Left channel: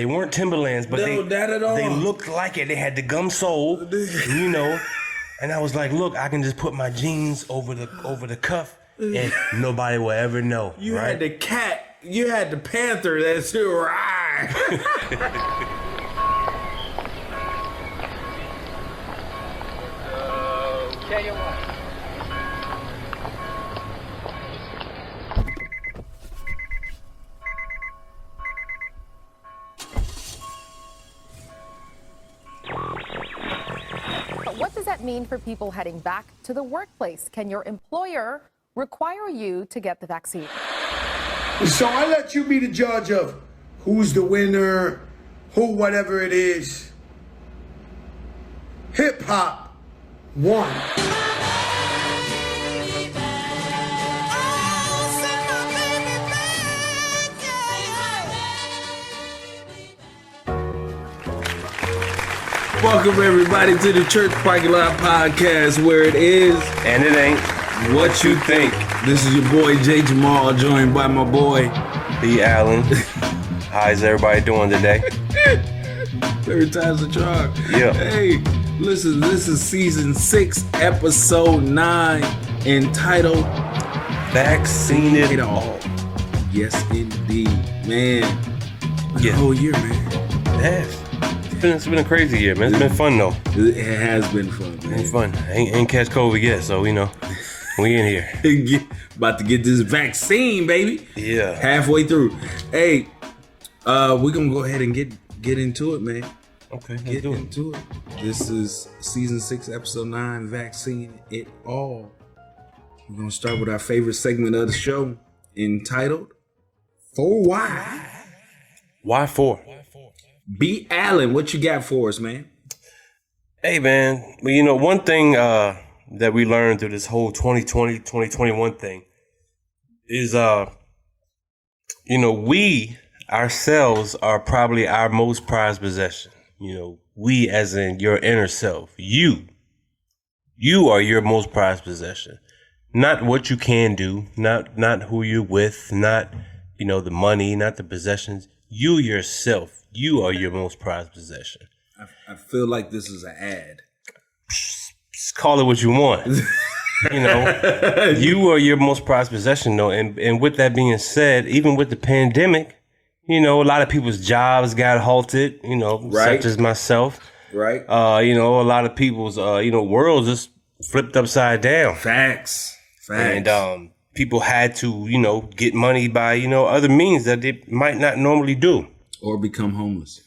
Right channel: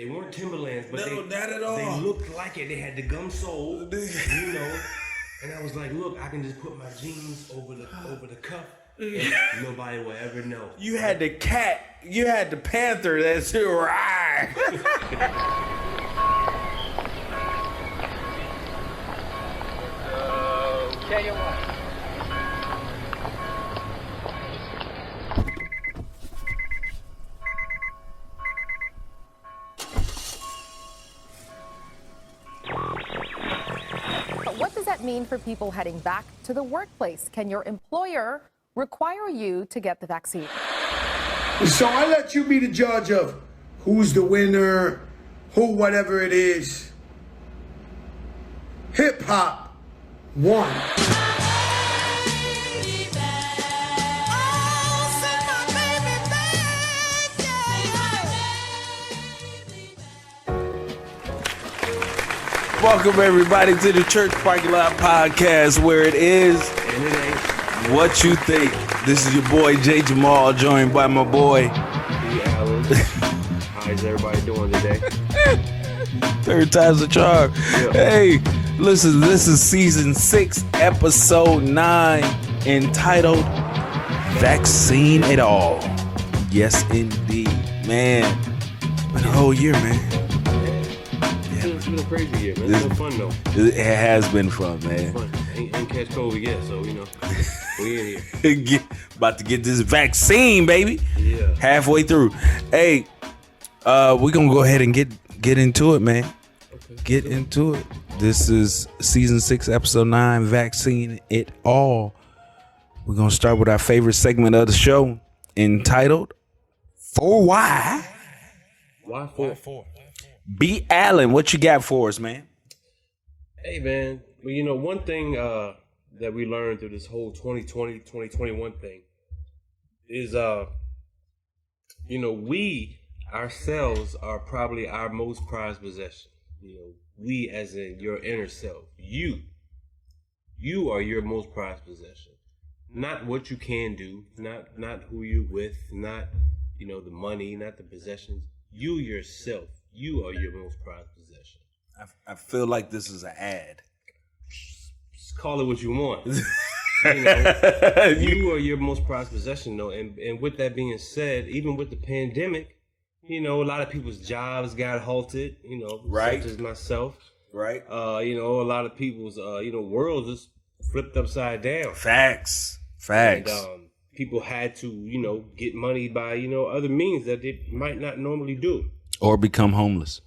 They weren't Timberlands, but they looked like it. They had the gum sole, you know. And I was like, look, I can just put my jeans over the cuff, and nobody will ever know. You had the cat. You had the panther. That's right. Tell you what. What does that mean for people heading back to the workplace? Can your employer require you to get the vaccine? So I let you be the judge of who's the winner, who whatever it is. Hip hop won. Welcome everybody to the Church Parking Lot Podcast, where it is And it ain't what you think. This is your boy J. Jamaal, joined by my boy B. Allen. How's everybody doing today? Third time's the charm. Yeah. Hey, listen, this is season 6, episode 9, entitled Vaccine It All. Yes, indeed, man. The whole year, man. Yeah. It's been a crazy year, man. It's been fun though. It has been fun, man. It's fun. Ain't catch COVID yet, so we in here. About to get this vaccine, baby. Yeah. Halfway through. Hey, we're gonna go ahead and get into it, man. Okay. Get into it. This is season 6, episode 9, Vaccine It All. We're gonna start with our favorite segment of the show, entitled For Why? Why for? B. Allen, what you got for us, man? Hey, man. Well, one thing that we learned through this whole 2020, 2021 thing is, we ourselves are probably our most prized possession. We as in your inner self. You are your most prized possession. Not what you can do, not who you're with, not, the money, not the possessions. You yourself. You are your most prized possession. I feel like this is an ad. Just call it what you want. You are your most prized possession, though. And with that being said, even with the pandemic, a lot of people's jobs got halted, right. Such as myself. Right. A lot of people's, worlds just flipped upside down. Facts. And people had to, get money by, other means that they might not normally do. Or become homeless.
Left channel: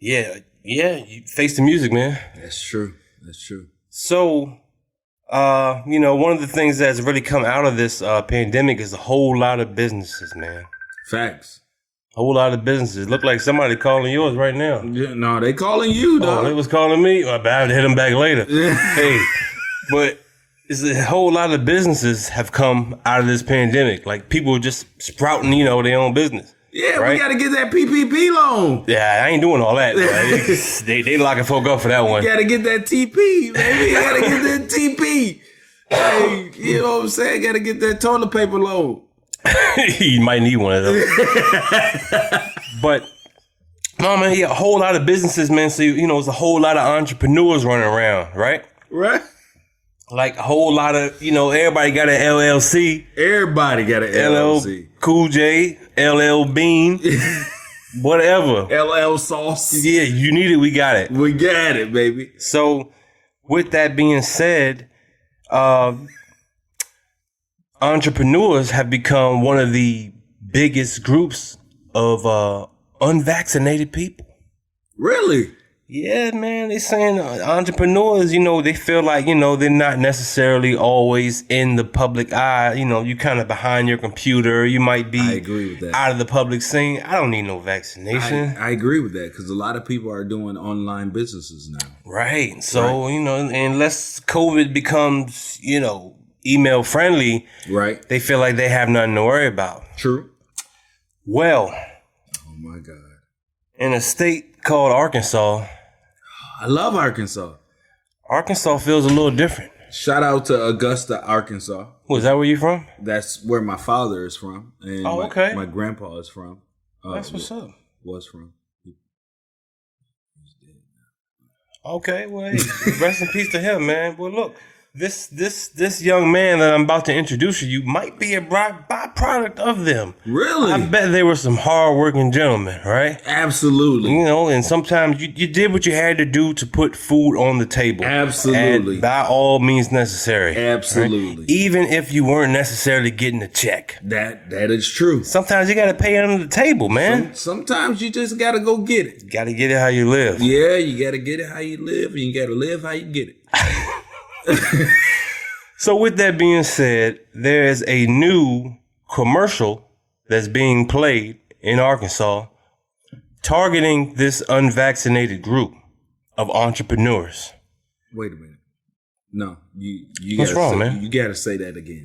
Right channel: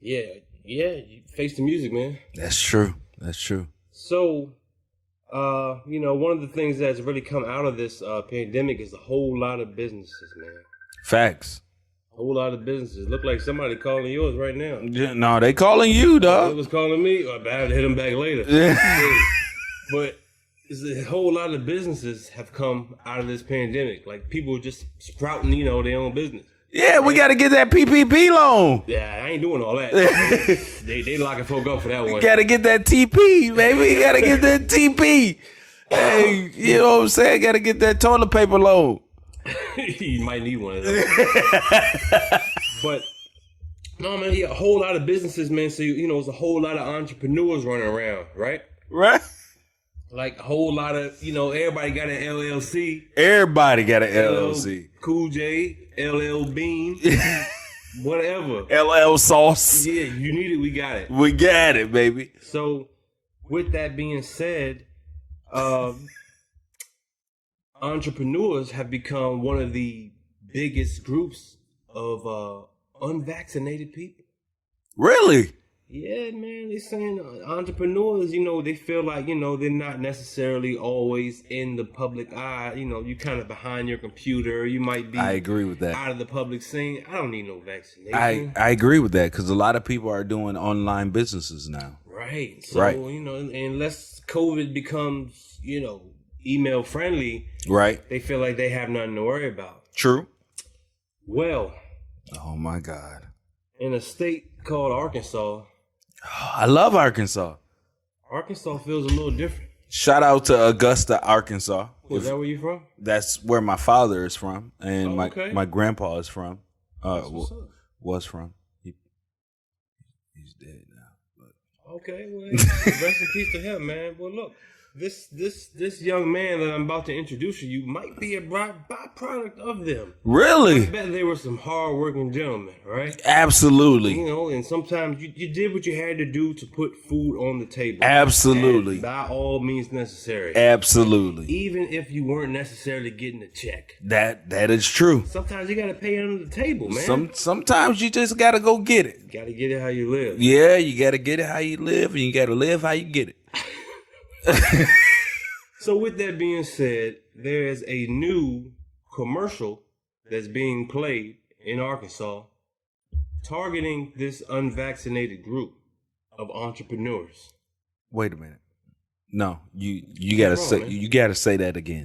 Yeah, you face the music, man. That's true. So, one of the things that's really come out of this pandemic is a whole lot of businesses, man. Facts. A whole lot of businesses. Look like somebody calling yours right now. Yeah, no, they calling you, dog. They was calling me. I have to hit them back later. Hey, but it's a whole lot of businesses have come out of this pandemic. Like people just sprouting, their own business. Yeah, right? We got to get that PPP loan. Yeah, I ain't doing all that. They locking folk up for that one. You got to get that TP, baby. You got to get that TP. Hey, you know what I'm saying? Got to get that toilet paper loan. You might need one of those. But, no, man, a whole lot of businesses, man. So, it's a whole lot of entrepreneurs running around, right? Right. Like a whole lot of, everybody got an LLC. Everybody got an LLC. Cool J, LL Bean, whatever. LL Sauce. Yeah, you need it, we got it. We got it, baby. So, with that being said, entrepreneurs have become one of the biggest groups of unvaccinated people. Really? Yeah, man, they saying entrepreneurs, they feel like, they're not necessarily always in the public eye. You kind of behind your computer. You might be I agree with that. Out of the public scene. I don't need no vaccination. I agree with that because a lot of people are doing online businesses now. Right. So, unless COVID becomes, email friendly, right? They feel like they have nothing to worry about. True. Well. Oh, my God. In a state called Arkansas. I love Arkansas. Arkansas feels a little different. Shout out to Augusta, Arkansas. Was that where you from? That's where my father is from. And okay. my grandpa is from. That's what's up. Was from. he's dead now. Okay, well, rest in peace to him, man. Well, look, this young man that I'm about to introduce you might be a byproduct of them. Really? I bet they were some hardworking gentlemen, right? Absolutely. You know, and sometimes you did what you had to do to put food on the table. Absolutely. And by all means necessary. Absolutely. Right? Even if you weren't necessarily getting a check. That is true. Sometimes you got to pay under the table, man. Sometimes you just got to go get it. Got to get it how you live. Yeah, you got to get it how you live, and you got to live how you get it. So with that being said, there's a new commercial that's being played in Arkansas targeting this unvaccinated group of entrepreneurs. Wait a minute. No, you What's gotta wrong, say, man? You gotta say that again.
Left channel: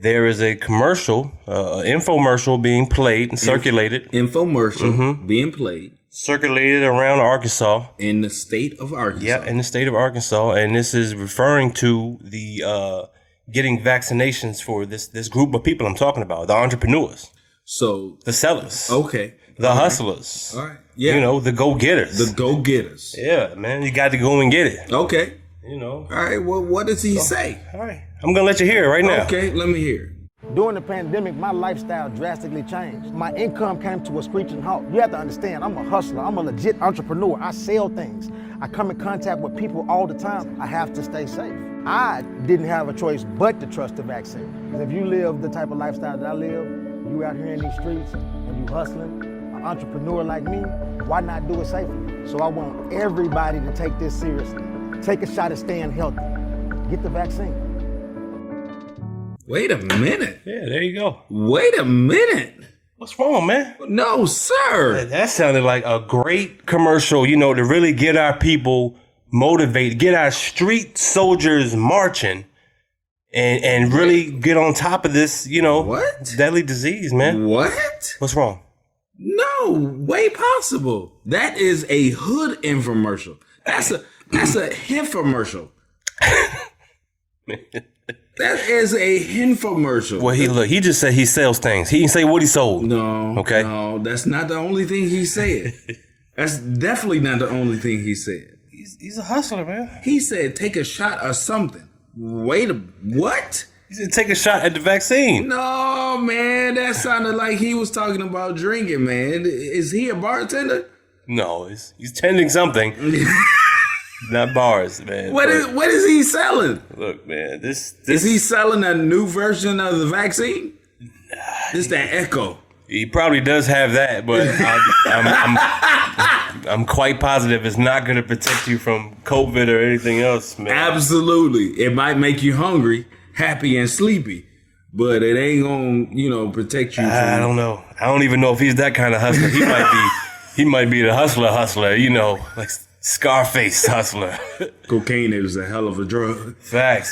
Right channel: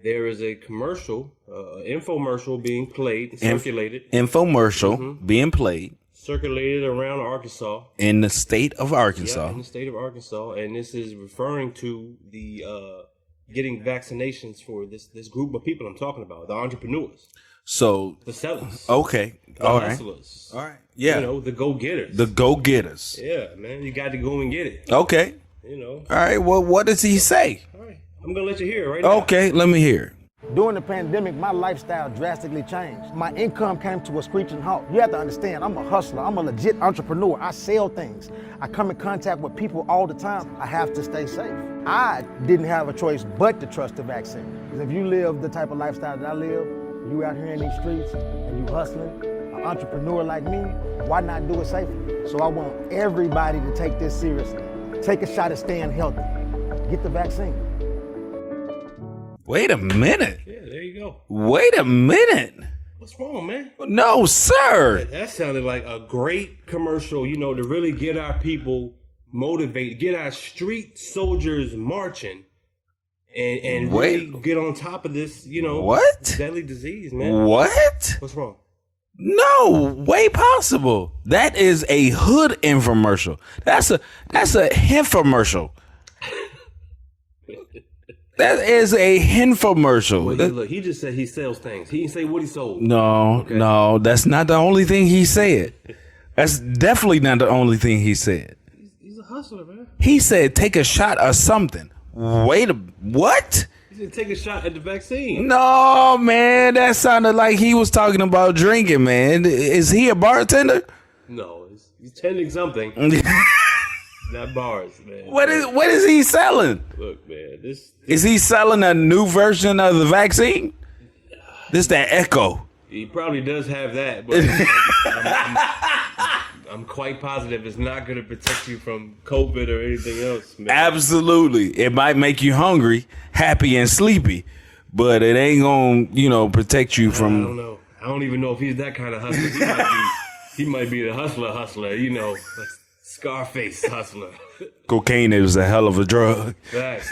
There is a commercial, infomercial being played and circulated. Infomercial being played Circulated around Arkansas. in the state of Arkansas. Yeah, in the state of Arkansas, and this is referring to the getting vaccinations for this group of people I'm talking about, the entrepreneurs, So the sellers, okay, the all right. hustlers, All right. Yeah, you know, the go-getters. the go-getters. Yeah, man, you got to go and get it. Okay. You know. All right. Well, what does he say? All right, I'm gonna let you hear it right now. Okay, let me hear it. During the pandemic, my lifestyle drastically changed. My income came to a screeching halt. You have to understand, I'm a hustler. I'm a legit entrepreneur. I sell things. I come in contact with people all the time. I have to stay safe. I didn't have a choice but to trust the vaccine. If you live the type of lifestyle that I live, you out here in these streets and you hustling, an entrepreneur like me, why not do it safely? So I want everybody to take this seriously. Take a shot at staying healthy. Get the vaccine. Wait a minute. Yeah, there you go. Wait a minute. What's wrong, man? No, sir. That sounded like a great commercial, you know, to really get our people motivated, get our street soldiers marching, and really get on top of this, you know, What? deadly disease, man. What? What's wrong? No way possible. That is a hood infomercial. That's a infomercial. That is a infomercial. Well, he just said he sells things. He didn't say what he sold. No, Okay. no, that's not the only thing he said. That's definitely not the only thing he said. He's a hustler, man. He said take a shot or something. What? He said take a shot at the vaccine. No, man, that sounded like he was talking about drinking, man. Is he a bartender? No, he's tending something. Not bars, man. What is he selling? Look, man, this Is he selling a new version of the vaccine? This that Echo. he probably does have that, but I'm quite positive it's not going to protect you from COVID or anything else, man. Absolutely. It might make you hungry, happy, and sleepy, but it ain't gonna, protect you from. I don't know. I don't even know if he's that kind of hustler. He might be the hustler, you know, like Scarface hustler. Cocaine is a hell of a drug. Facts.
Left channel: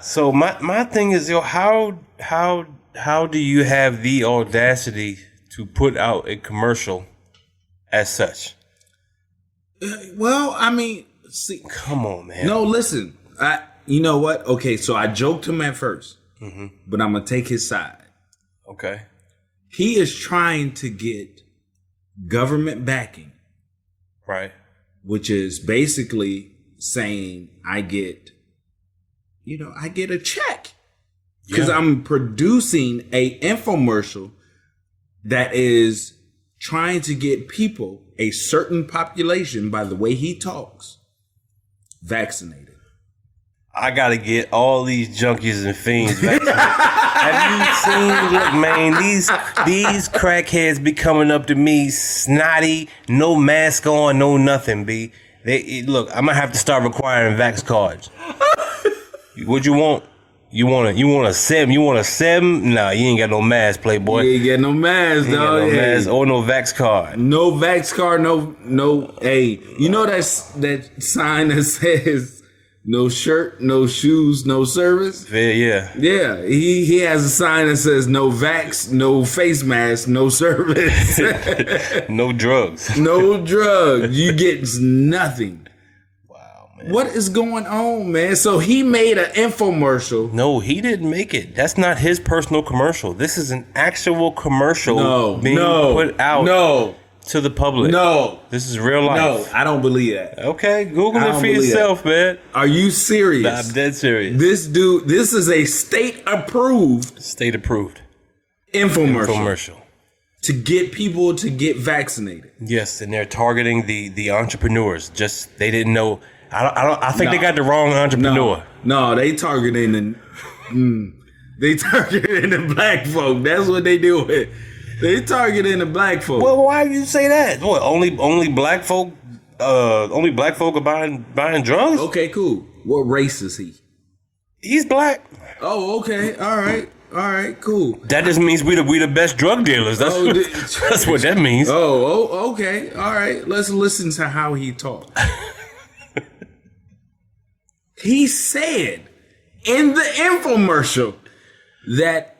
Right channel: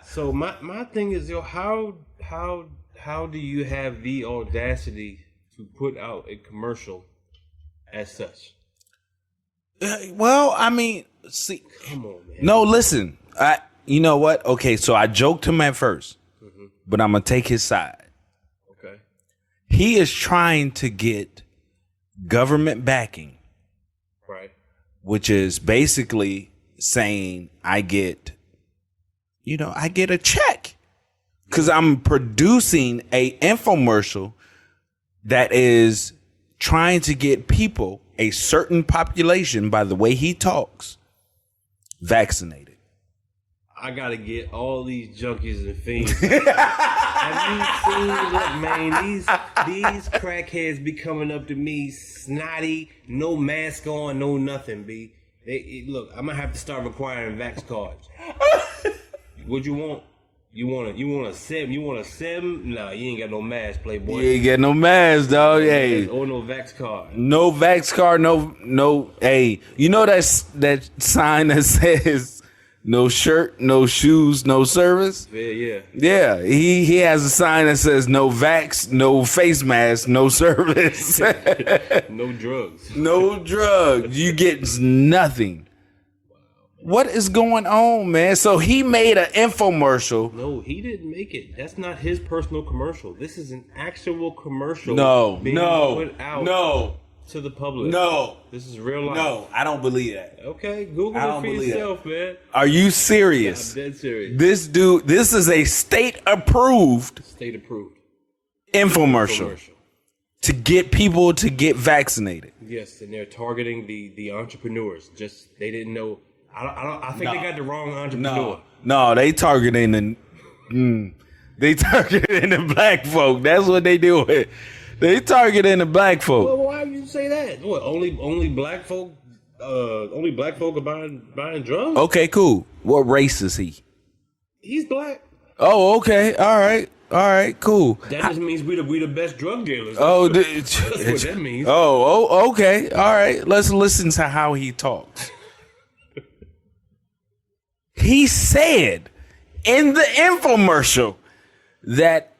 So my thing is, how do you have the audacity to put out a commercial as such? Well, I mean, see, Come on, man. no, listen. You know what? Okay, so I joked him at first, but I'm gonna take his side. Okay. He is trying to get government backing, Right. which is basically saying I get a check because I'm producing a infomercial that is trying to get people, a certain population, by the way he talks, vaccinated. I gotta get all these junkies and fiends vaccinated. Have you seen? Look, man, these crackheads be coming up to me, snotty, no mask on, no nothing. Look, I'm gonna have to start requiring vax cards. What you want? You want a SIM? You want a SIM? Nah, you ain't got no mask, playboy. You ain't get no mask, You dog. ain't got no Yeah. mask or no vax card. No vax card, no. Hey, you know that sign that says no shirt, no shoes, no service? Yeah. Yeah, he has a sign that says no vax, no face mask, no service, No drugs. no drugs. You get nothing. Wow, man. What is going on, man? So he made an infomercial. No, he didn't make it. That's not his personal commercial. This is an actual commercial being put out. No. to the public. No. This is real life. No, I don't believe that. Okay, Google I it don't for believe yourself, man. Are you serious? I'm dead serious. This is a state-approved State approved. infomercial to get people to get vaccinated. Yes, and they're targeting the entrepreneurs. Just they didn't know. I think they got the wrong entrepreneur. No, they targeting the black folk. That's what they do. They targeting the black folk. Well, why do you say that? What, only black folk? Only black folk are buying drugs? Okay, cool. What race is he? He's black. Oh, okay. All right, cool. That just means we the best drug dealers. That's, that's what that means. Oh, okay. All right. Let's listen to how he talks. He said in the infomercial that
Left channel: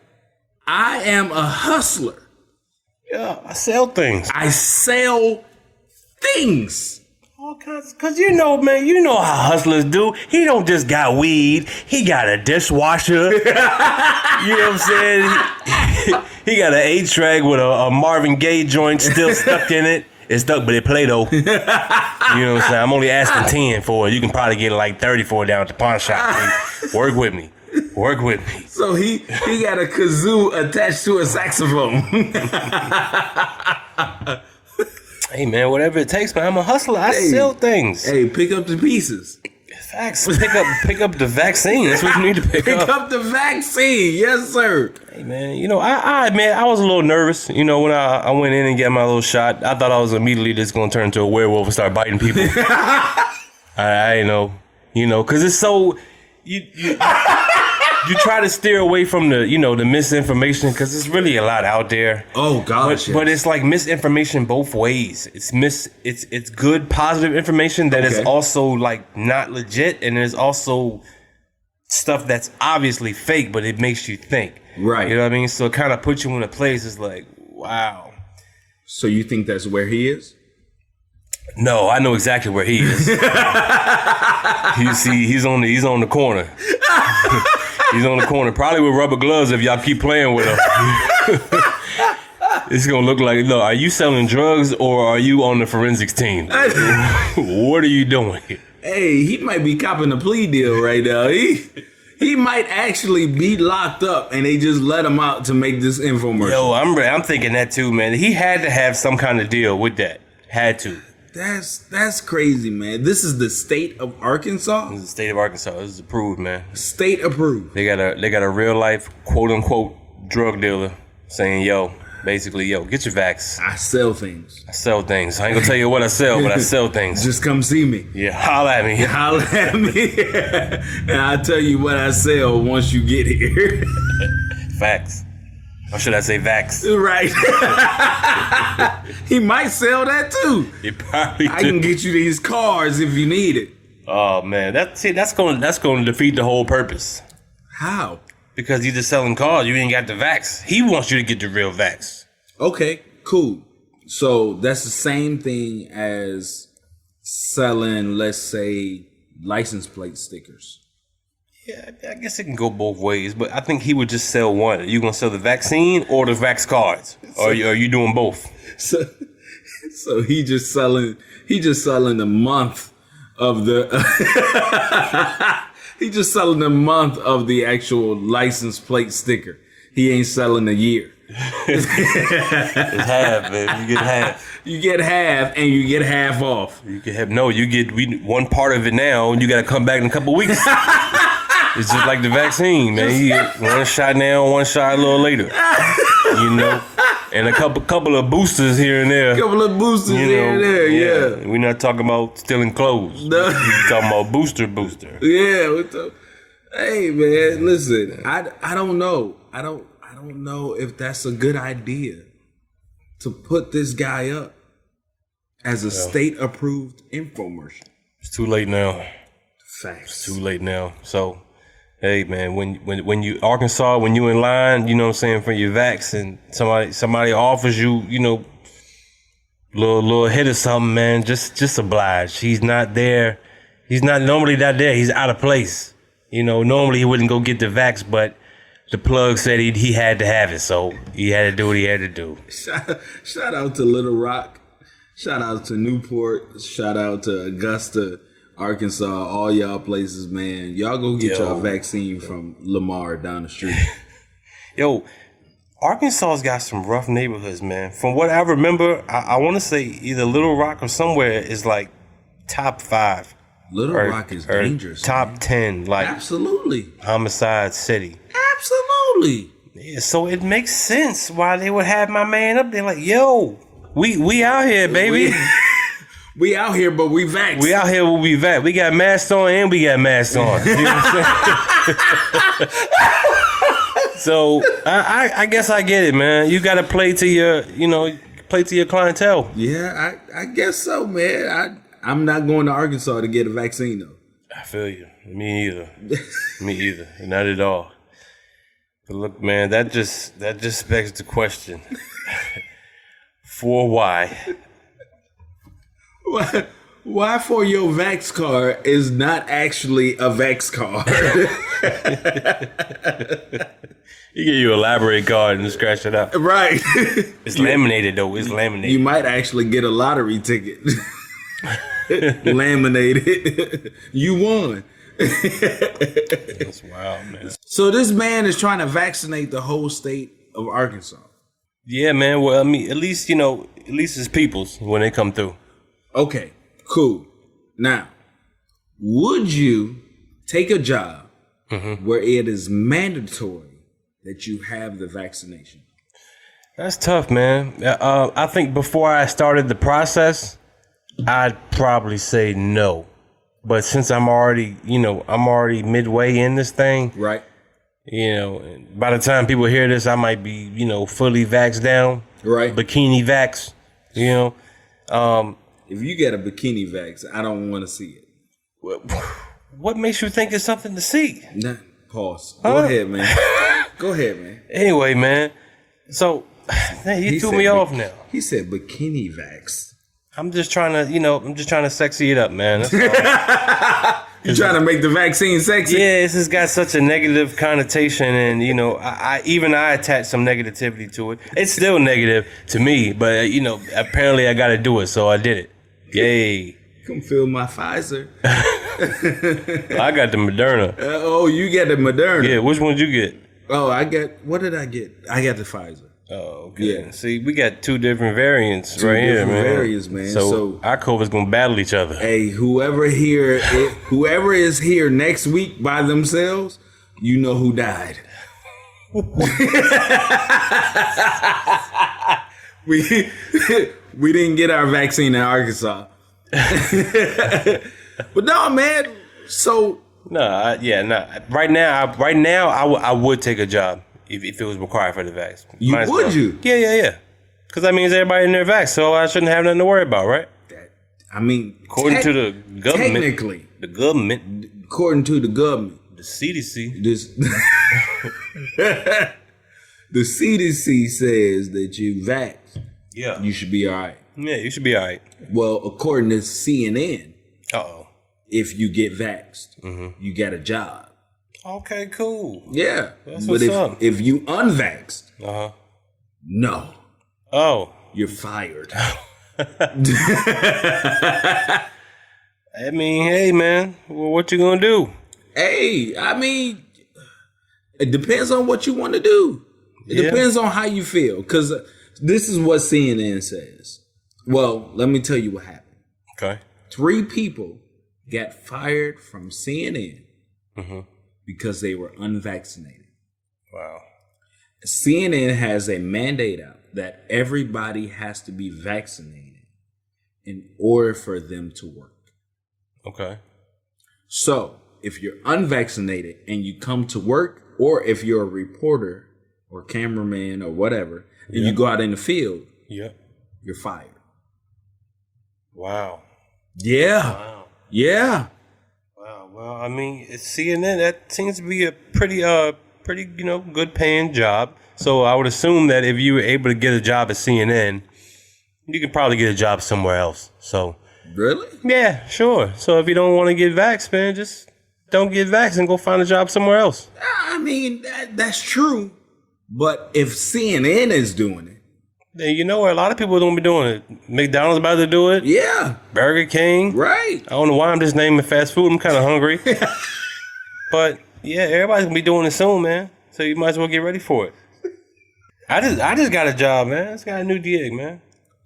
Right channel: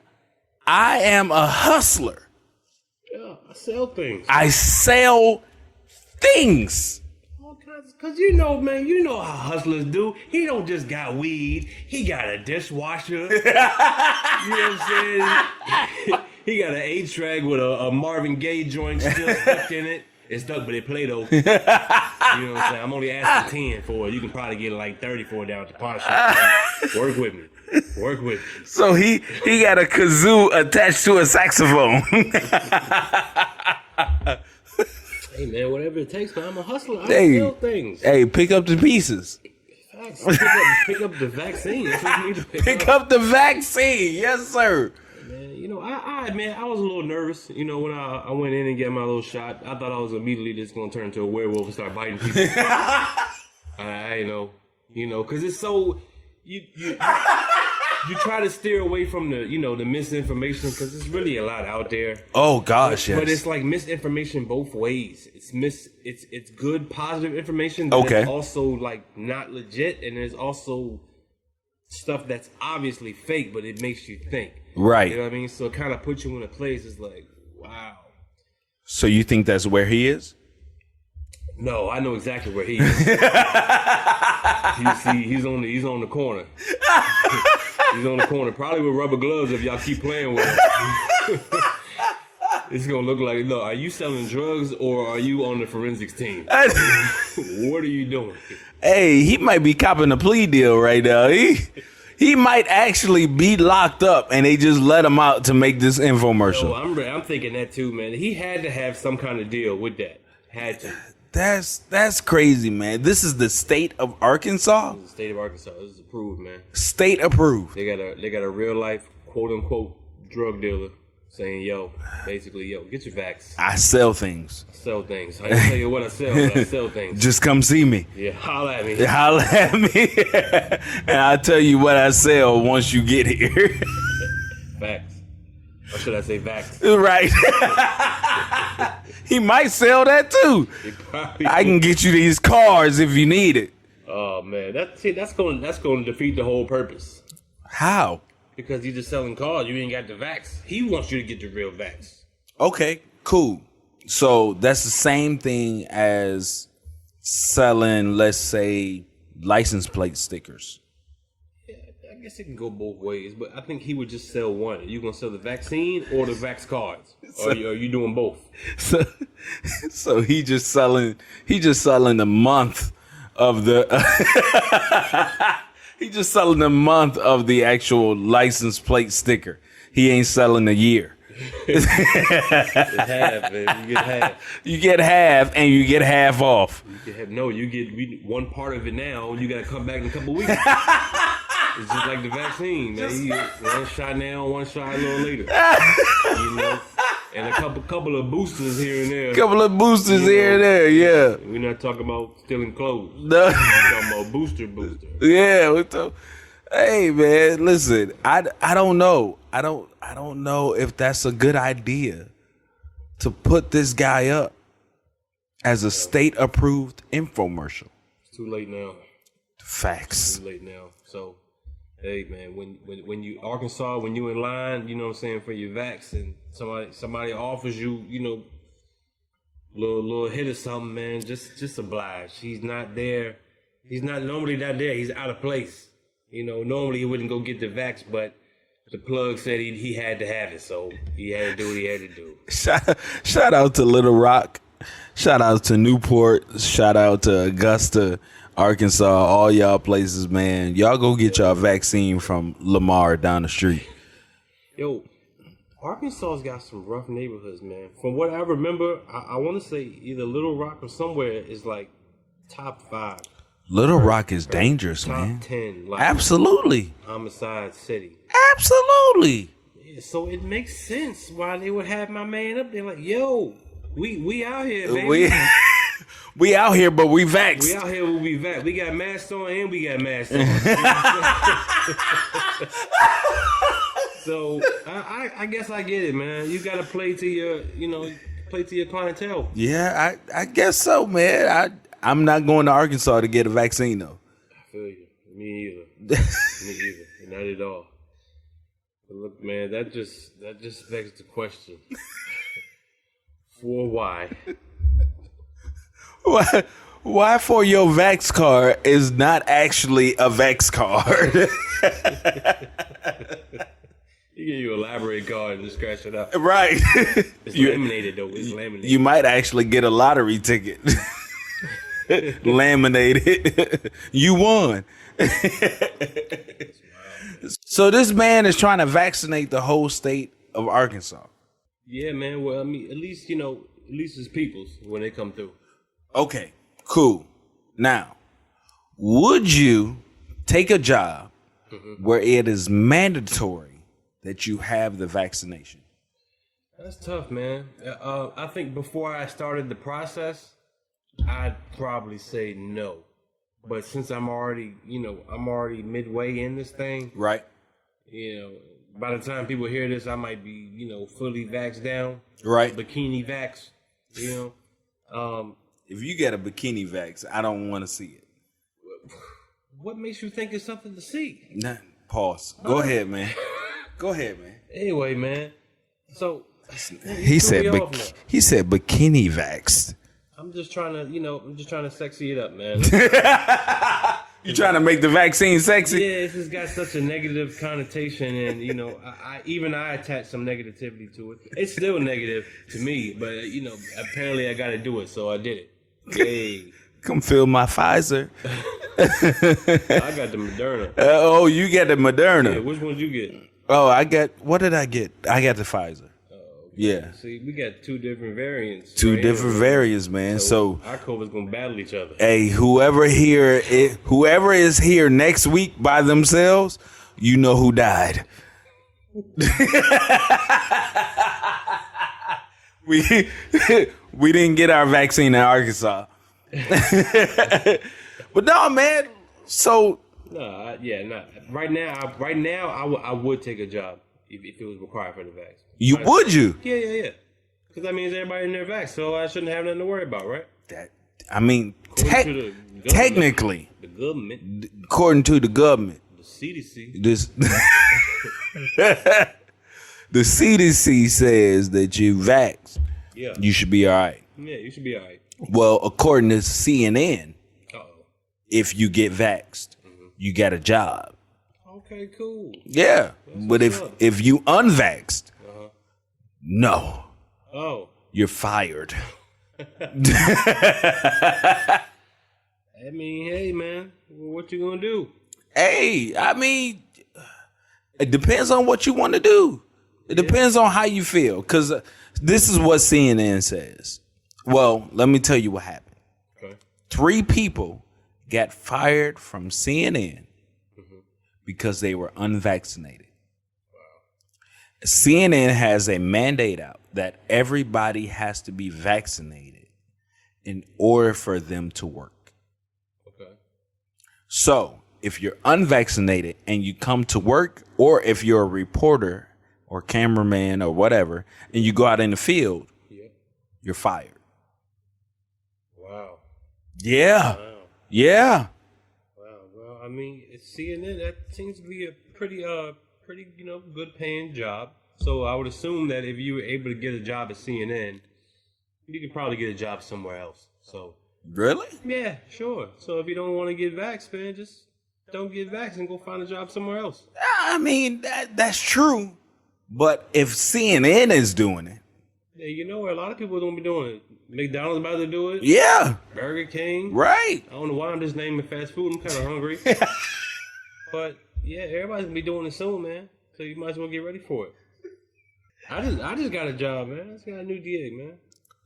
I am a hustler. Yeah, I sell things. I sell things. All kinds, cause you know, man, you know how hustlers do. He don't just got weed. He got a dishwasher. You know what I'm saying? He got an 8-track with a Marvin Gaye joint still stuck in it. It's stuck, but it play though. You know what I'm saying? I'm only asking 10 for it. You can probably get like 30 for it down at the pawn shop. Work with me. Work with me. So he got a kazoo attached to a saxophone. Hey man, whatever it takes, man. I'm a hustler. I Hey. sell things. Hey, pick up the pieces. Facts. Pick up the vaccine. That's what you need to pick Pick up the vaccine. Yes, sir. Hey man, you know, I was a little nervous. You know, when I went in and got my little shot, I thought I was immediately just gonna turn into a werewolf and start biting people. I know, cause it's so you try to steer away from the misinformation, because there's really a lot out there. Oh gosh, But it's like misinformation both ways. It's good positive information that is also like not legit, and there's also stuff that's obviously fake, but it makes you think. Right. You know what I mean? So it kind of puts you in a place. It's like, wow. So you think that's where he is? No, I know exactly where he is. He's on the corner. He's on the corner, probably with rubber gloves if y'all keep playing with him. It's gonna look like, look, are you selling drugs or are you on the forensics team? What are you doing? Hey, he might be copping a plea deal right now. He might actually be locked up and they just let him out to make this infomercial. Yo, I'm thinking that too, man. He had to have some kind of deal with that. Had to. That's crazy, man. This is the state of Arkansas. This is the state of Arkansas. This is approved, man. State approved. They got a real life quote unquote drug dealer saying, basically, get your vax. I sell things. I sell things. I ain't gonna tell you what I sell, but I sell things. Just come see me. Yeah, holla at me. Holla at me. And I'll tell you what I sell once you get here. Facts. Or should I say vax? Right. He might sell that too. He probably I can get you these cards if you need it. Oh man, that's going to defeat the whole purpose. How? Because you're just selling cards. You ain't got the vax. He wants you to get the real vax. Okay, cool. So that's the same thing as selling, let's say, license plate stickers. Yeah, I guess it can go both ways, but I think he would just sell one. Are you gonna sell the vaccine or the vax cards? Or are you doing both? So he just selling the month of the he just selling the month of the actual license plate sticker. He ain't selling a year. It's half, man. You get half. You get half, and you get half off. You get one part of it now, and you got to come back in a couple weeks. It's just like the vaccine, man. You get one shot now, one shot a little later. You know, and a couple of boosters here and there. Couple of boosters here and there, yeah. We're not talking about stealing clothes. No. We're talking about booster. Yeah. Hey, man, listen. I don't know. I don't know if that's a good idea to put this guy up as a state-approved infomercial. It's too late now. Facts. It's too late now. So, hey man, when you Arkansas, when you in line, you know what I'm saying, for your vax, and somebody offers you, little hit or something, man, just oblige. He's not there. He's not normally not there. He's out of place. Normally he wouldn't go get the vax, but the plug said he had to have it, so he had to do what he had to do. Shout out to Little Rock. Shout out to Newport. Shout out to Augusta, Arkansas. All y'all places, man. Y'all go get y'all vaccine from Lamar down the street. Yo, Arkansas's got some rough neighborhoods, man. From what I remember, I want to say either Little Rock or somewhere is like top 5. Little Rock is dangerous. Top man. 10, like Absolutely. homicide city. Absolutely. Yeah, so it makes sense why they would have my man up there. Like, yo, we out here, baby. We out here, but we vaxxed. We out here, we vax. We got masks on and we got masks on. You know what I'm saying? So I guess I get it, man. You got to play to your, play to your clientele. Yeah, I guess so, man. I'm not going to Arkansas to get a vaccine, though. I feel you. Me either. Me either. Not at all. But look, man, that just begs the question. For why? Why for your Vax card is not actually a Vax card? You get your elaborate card and scratch it out. Right. It's laminated, though. It's laminated. You might actually get a lottery ticket. Laminated. You won. That's wild, man. So this man is trying to vaccinate the whole state of Arkansas. Yeah, man. Well, I mean, at least it's people's when they come through. Okay, cool. Now, would you take a job where it is mandatory that you have the vaccination? That's tough, man. I think before I started the process, I'd probably say no. But since I'm already midway in this thing, Right. By the time people hear this, I might be, fully vaxxed down. Right. Bikini vax, If you get a bikini vax, I don't want to see it. What makes you think it's something to see? Nah, pause. Go ahead, man. Go ahead, man. Anyway, man. So, you threw me off now. He said bikini vaxxed. I'm just trying to sexy it up, man. That's all. You trying to make the vaccine sexy? Yeah, this has got such a negative connotation, and I attach some negativity to it. It's still negative to me, but apparently I got to do it, so I did it. Yay! Come fill my Pfizer. I got the Moderna. Oh, you get the Moderna. Yeah, which one did you get? Oh, what did I get? I got the Pfizer. Oh, okay. Yeah. See, we got 2 different variants. Two right different here, man. variants, man. So our COVID's gonna battle each other. Hey, whoever is here next week by themselves, you know who died. We didn't get our vaccine in Arkansas. But no, man. So Right now, I would take a job if it was required for the vax. would you? Yeah. Because that means everybody in their vax, so I shouldn't have nothing to worry about, right? According to the government, technically, according to the government, the CDC, the CDC says that you vax. Yeah, you should be all right. Yeah, you should be all right. Well, according to CNN, if you get vaxxed, you got a job. Okay, cool. Yeah, That's but what's up. if you unvaxxed, no. Oh, you're fired. I mean, hey, man, well, what you gonna do? Hey, I mean, it depends on what you want to do. It depends on how you feel. Because this is what CNN says. Well, let me tell you what happened. Okay. 3 people got fired from CNN because they were unvaccinated. Wow. CNN has a mandate out that everybody has to be vaccinated in order for them to work. Okay. So if you're unvaccinated and you come to work, or if you're a reporter or cameraman or whatever, and you go out in the field, you're fired. Wow. Yeah. Wow. Yeah. Wow. Well, I mean, it's CNN. That seems to be a pretty good paying job. So I would assume that if you were able to get a job at CNN, you could probably get a job somewhere else. So. Really? Yeah, sure. So if you don't want to get vaxxed, man, just don't get vaxxed and go find a job somewhere else. I mean, that's true. But if CNN is doing it, then you know what? A lot of people don't be doing it. McDonald's about to do it. Yeah. Burger King. Right. I don't know why I'm just naming fast food. I'm kind of hungry. But yeah, everybody's gonna be doing it soon, man. So you might as well get ready for it. I just got a job, man. I just got a new gig, man.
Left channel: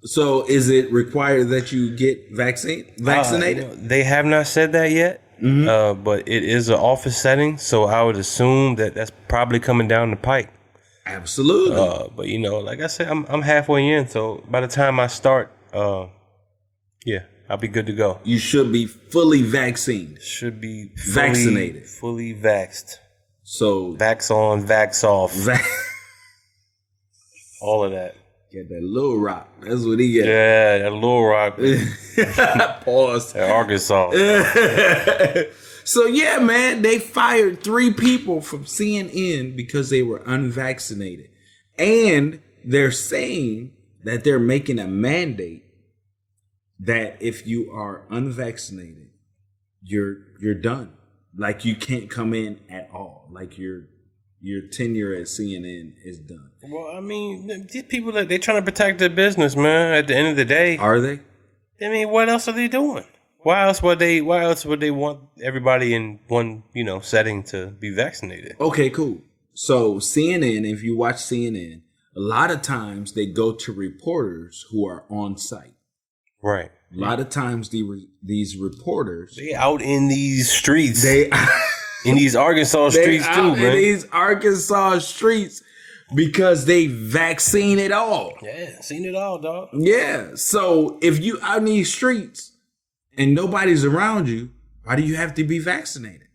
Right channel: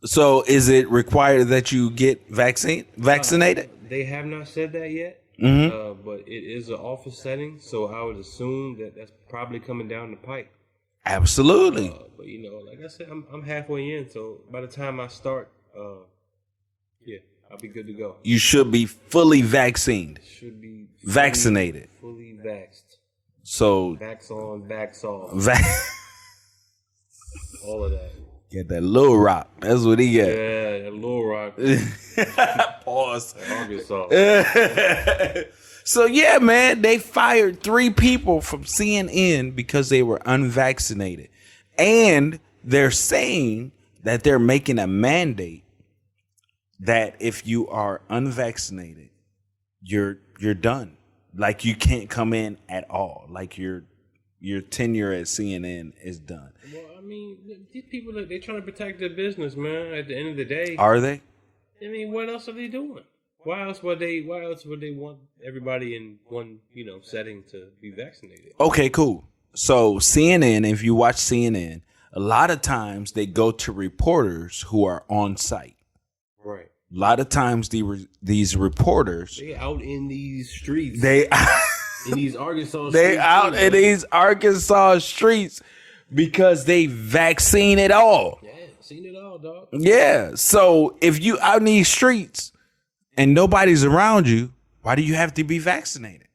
So is it required that you get vaccinated? They have not said that yet. But it is an office setting, so I would assume that that's probably coming down the pike. Absolutely. But you know, like I said, I'm halfway in, so by the time I start, yeah, I'll be good to go. You should be fully vaccinated. Should be Vaccinated. fully vaxxed. So Vax on, vax off, all of that. get that little rock. That's what he get. Yeah, that Little Rock, Pause. that Arkansas. So yeah, man, they fired 3 people from CNN because they were unvaccinated. And they're saying that they're making a mandate that if you are unvaccinated, you're done. Like you can't come in at all. Like your tenure at CNN is done. Well, I mean, these people, they're trying to protect their business, man. At the end of the day, Are they? I mean, what else are they doing? Why else would they want everybody in one, setting to be vaccinated? Okay, cool. So CNN, if you watch CNN, a lot of times they go to reporters who are on site. Right. A lot of times these reporters, They out in these streets. they in these Arkansas they streets out too, in man. these Arkansas streets because they vaccine it all. Yeah, seen it all, dog. Yeah. So if you out in these streets and nobody's around you, why do you have to be vaccinated?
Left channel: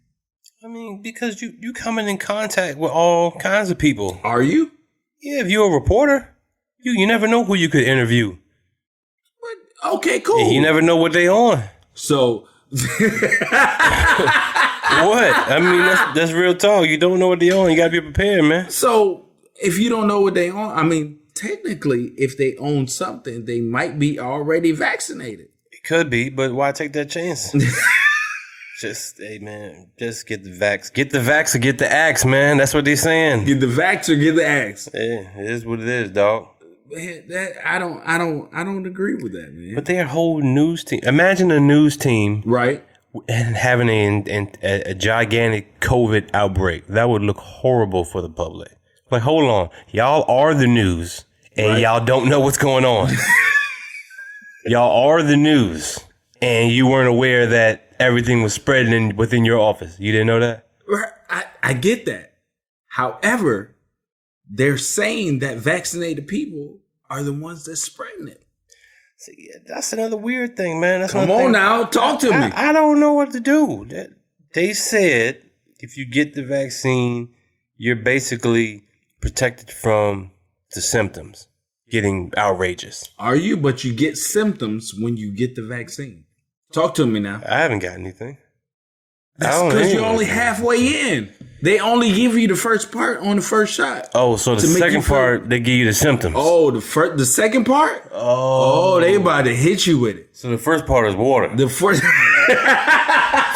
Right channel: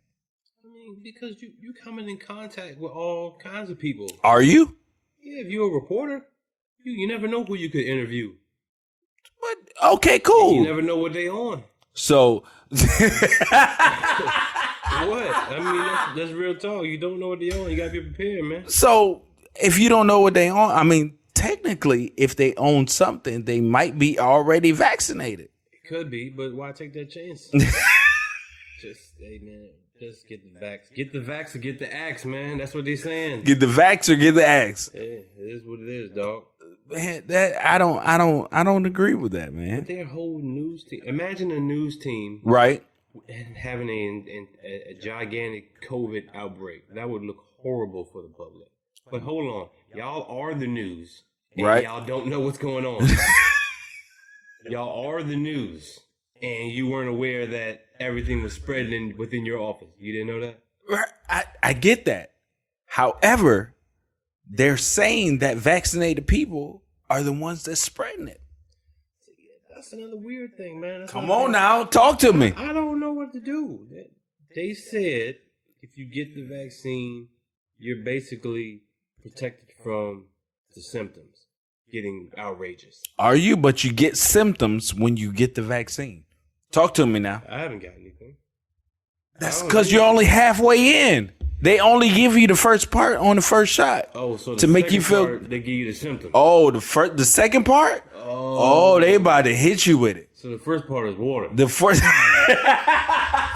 I mean, because you coming in contact with all kinds of people. Are you? Yeah, if you're a reporter, you never know who you could interview. But okay, cool. You never know what they on. So What? I mean, that's real talk. You don't know what they on. You gotta be prepared, man. So if you don't know what they own, I mean, technically, if they own something, they might be already vaccinated. It could be, but why take that chance? Hey man, just get the vax. Get the vax or get the axe, man. That's what they're saying. Get the vax or get the axe. Yeah, it is what it is, dog. Man, that I don't agree with that, man. But their whole news team. Imagine a news team Right? and having a gigantic COVID outbreak. That would look horrible for the public. Like, hold on, y'all are the news, and Right. y'all don't know what's going on. Y'all are the news, and you weren't aware that everything was spreading within your office. You didn't know that? I get that. However, they're saying that vaccinated people are the ones that's spreading it. See, yeah, that's another weird thing, man. That's Come another on thing. now, talk to me. I don't know what to do. They said if you get the vaccine, you're basically protected from the symptoms getting outrageous. Are you? But you get symptoms when you get the vaccine. Talk to me now. I haven't got anything. That's because you're only halfway in. They only give you the first part on the first shot. Oh, so the to make you second feel- part, they give you the symptoms. Oh, the second part? Oh, they about to hit you with it. So the first part is water. The first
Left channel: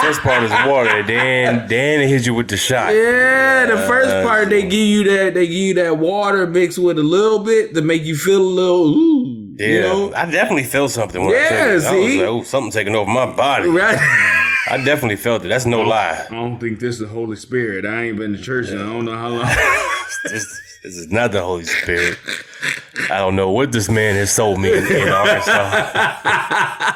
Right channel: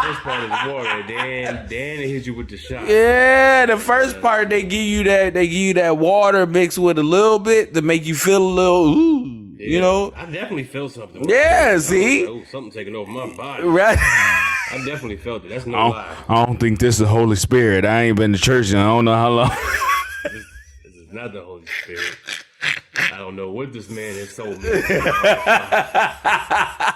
First part is water. Then they hit you with the shot. Yeah, the first part they give you that water mixed with a little bit to make you feel a little ooh. Yeah, You know? I definitely felt something. When Yeah, I took it. I see? was like, oh, something taking over my body. Right. I definitely felt it. That's no lie. I don't think this is the Holy Spirit. I ain't been to church in I don't know how long. This is not the Holy Spirit. I don't know what this man has sold me in Arkansas.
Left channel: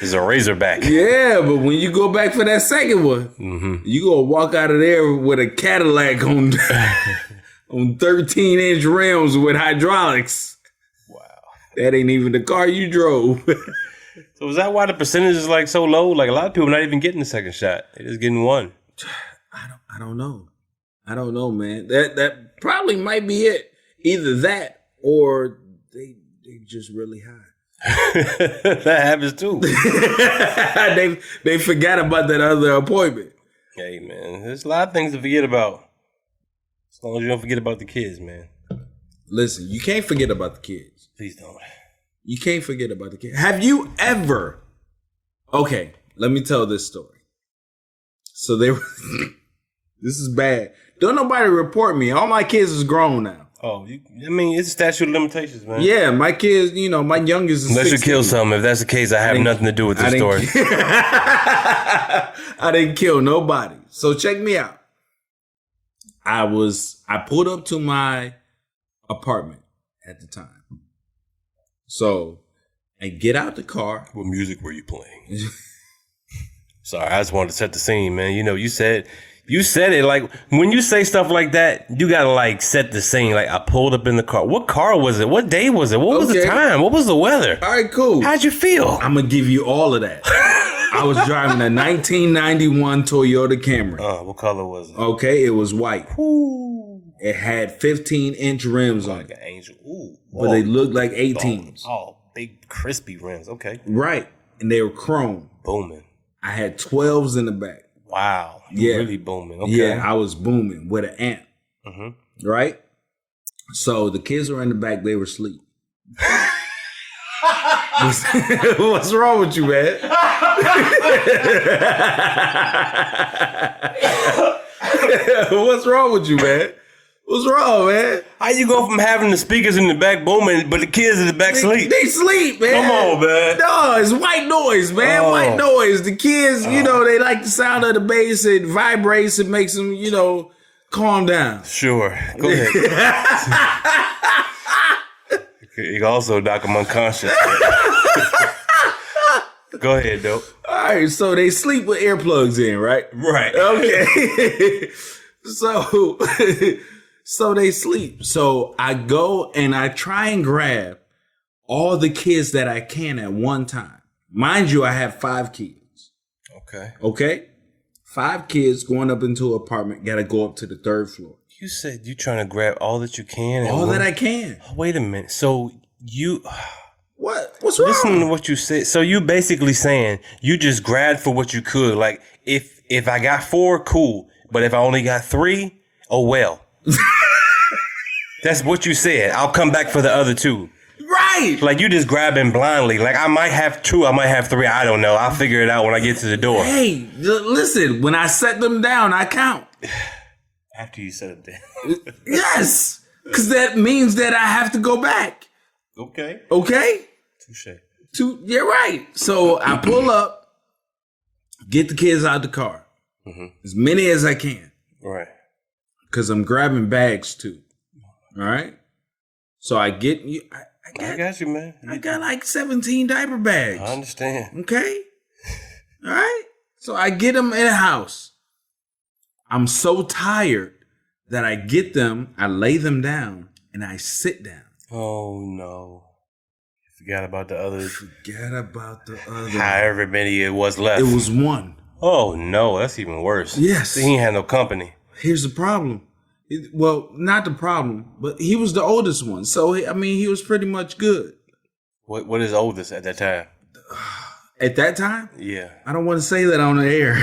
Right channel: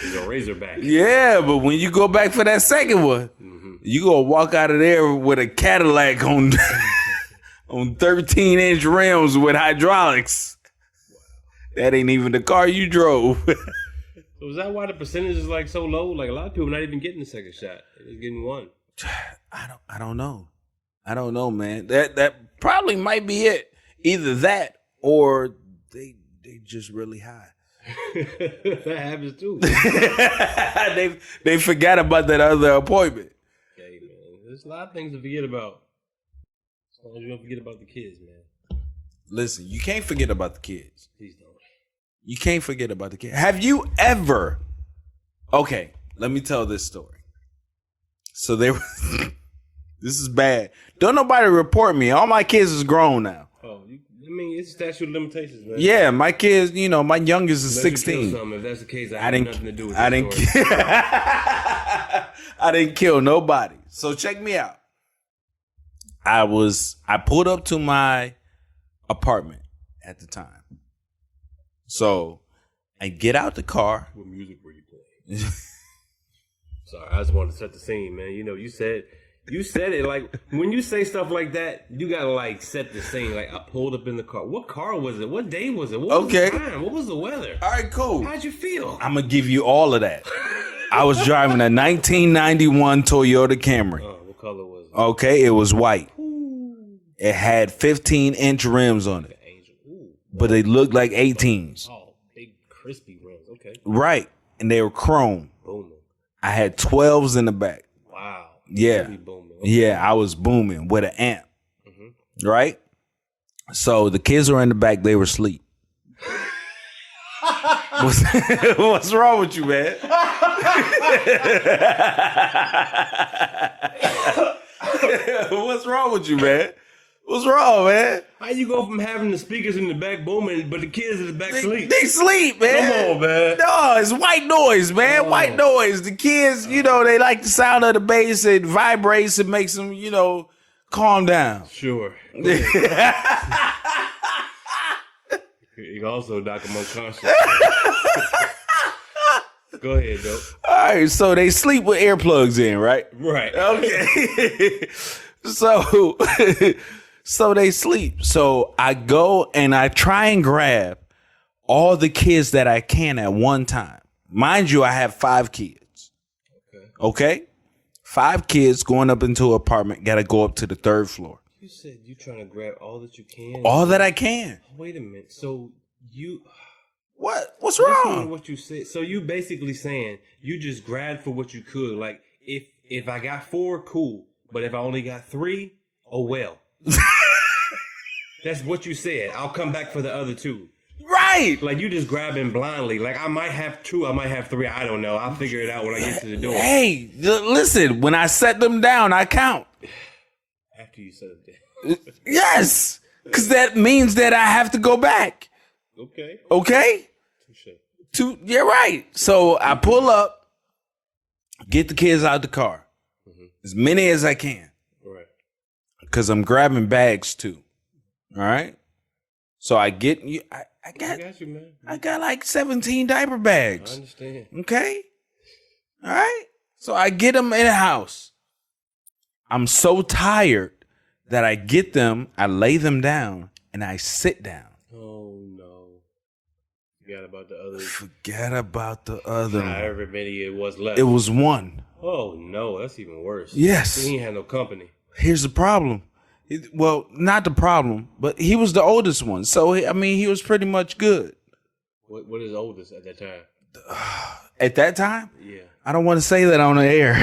It's a Razorback. Yeah, but when you go back for that second one, you gonna walk out of there with a Cadillac on 13-inch rims with hydraulics. Wow. That ain't even the car you drove. So is that why the percentage is like so low? Like a lot of people not even getting the second shot. They're just getting one. I don't know. I don't know, man. That probably might be it. Either that or they just really high. That happens too. they forgot about that other appointment. Hey man, there's a lot of things to forget about. As long as you don't forget about the kids, man. Listen, you can't forget about the kids. Please don't. You can't forget about the kids. Have you ever? Okay, let me tell this story. So they were. This is bad. Don't nobody report me. All my kids is grown now. Oh, I mean, it's statute of limitations, man. Yeah, my kids, you know, my youngest is Unless 16. you kill something. If that's the case, I have nothing to do with this story. I didn't kill nobody. So check me out. I pulled up to my apartment at the time. So I get out the car. What music were you playing? Sorry, I just wanted to set the scene, man. You know, you said it like when you say stuff like that, you gotta like set the scene. Like I pulled up in the car. What car was it? What day was it? What was the time? What was the weather? All right, cool. How'd you feel? I'm gonna give you all of that. I was driving a 1991 Toyota Camry. What color was it? Okay, it was white. Ooh. It had 15-inch rims on Like it, an angel. Ooh. but they looked like 18s. Oh, big crispy rims. Okay. Right, and they were chrome. Booming. I had 12s in the back. Wow. Yeah. Really booming. Okay. Yeah, I was booming with an amp. Mm-hmm. Right? So the kids were in the back, they were asleep. What's wrong with you, man? What's wrong with you, man? What's wrong, man? How you go from having the speakers in the back booming, but the kids in the back sleep? They sleep, man. Come on, man. No, it's white noise, man. Oh. White noise. The kids, you know, they like the sound of the bass. It vibrates. It makes them, you know, calm down. Sure. Go ahead. You can also knock them unconscious. Go ahead, though. All right, so they sleep with earplugs in, right? Right. Okay. So they sleep. So I go and I try and grab all the kids that I can at one time. Mind you, I have 5 kids. Okay. Okay? 5 kids going up into an apartment, got to go up to the 3rd floor. You said you trying to grab all that you can. All that I can. Wait a minute. So you... What? What's wrong? Listen to what you said. So you basically saying you just grabbed for what you could. Like if I got 4, cool. But if I only got 3, oh well. That's what you said. I'll come back for the other 2. Right. Like you just grabbing blindly. Like I might have 2, I might have 3. I don't know. I'll figure it out when I get to the door. Hey, listen. When I set them down, I count. After you said it. Yes, because that means that I have to go back. Okay. Okay. Touche. Yeah, right. So I pull up, get the kids out the car, as many as I can, Right. because I'm grabbing bags too. All right. So I get you. I got you, man. I got like 17 diaper bags. I understand. Okay. All right. So I get them in the house. I'm so tired that I get them, I lay them down, and I sit down. Oh no. Forgot about the others. Forget about the other. However many it was left. It was 1. Oh no, that's even worse. Yes. See, he ain't had no company. Here's the problem. Well, not the problem, but he was the oldest one. So, he was pretty much good. What is oldest at that time? At that time? Yeah. I don't want to say that on the air.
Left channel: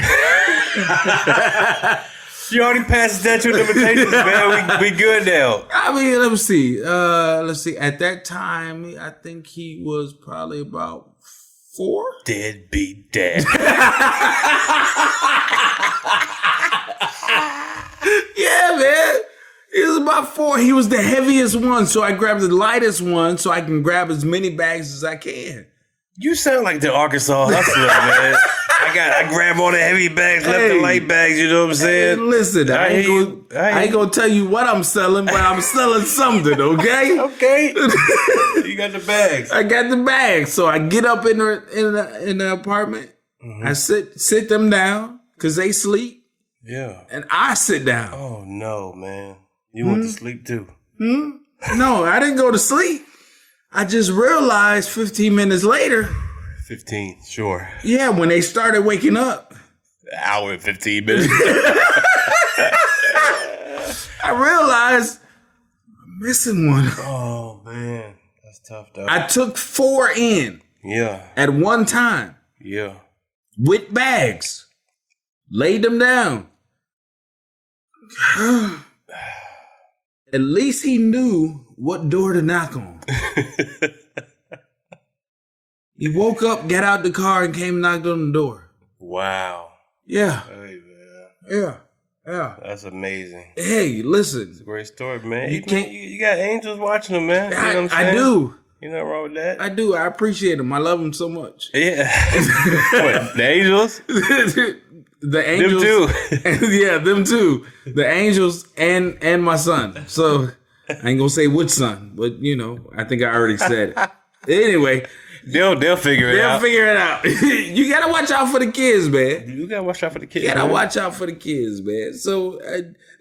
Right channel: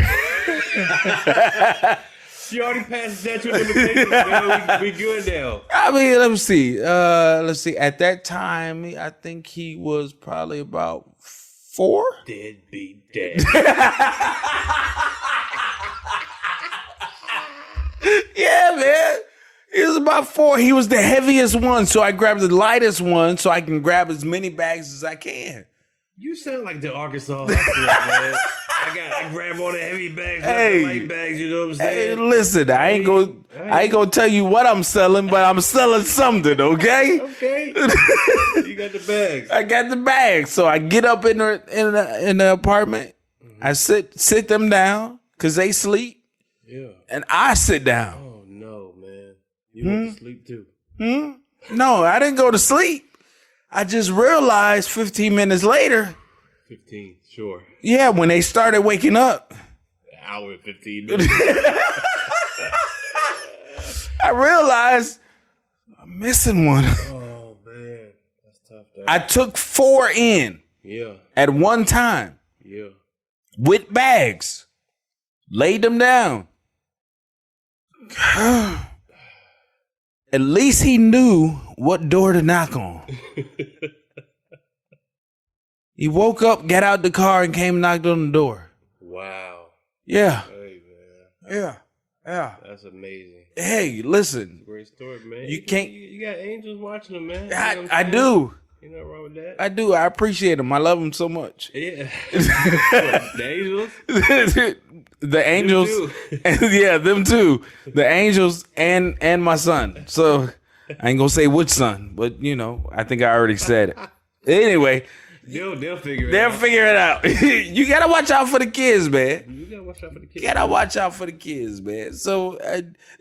You already passed the statute of limitations, man. We good now. Let me see. Let's see. At that time, I think he was probably about 4. Dead beat dead. Yeah, man. He was about 4. He was the heaviest one, so I grabbed the lightest one so I can grab as many bags as I can. You sound like the Arkansas hustler, man. I grab all the heavy bags, left the light bags. You know what I'm saying? Hey, listen, I ain't gonna tell you what I'm selling, but I'm selling something. Okay. Okay. You got the bags. I got the bags, so I get up in the apartment. I sit them down because they sleep. Yeah. And I sit down. Oh no, man. You went to sleep too. No, I didn't go to sleep. I just realized 15 minutes later. 15, sure. Yeah, when they started waking up. An hour and 15 minutes. I realized I'm missing one. Oh man, that's tough though. I took 4 in. Yeah. At one time. Yeah. With bags. Laid them down. At least he knew what door to knock on. He woke up, got out the car, and came and knocked on the door. Wow. Yeah. Hey, man. Yeah. Yeah. That's amazing. Hey, listen. Great story, man. You You can't- You got angels watching them, man. You know what I'm I saying? do. You nothing wrong with that. I do. I appreciate them. I love them so much. Yeah. What, the angels? The angels. Them too. Yeah, them too. The angels and my son. So I ain't gonna say which son, but you know, I think I already said it. Anyway, They'll figure it they'll out. figure it out. You gotta watch out for the kids, man. You gotta watch out for the kids. You gotta man. watch out for the kids, man. So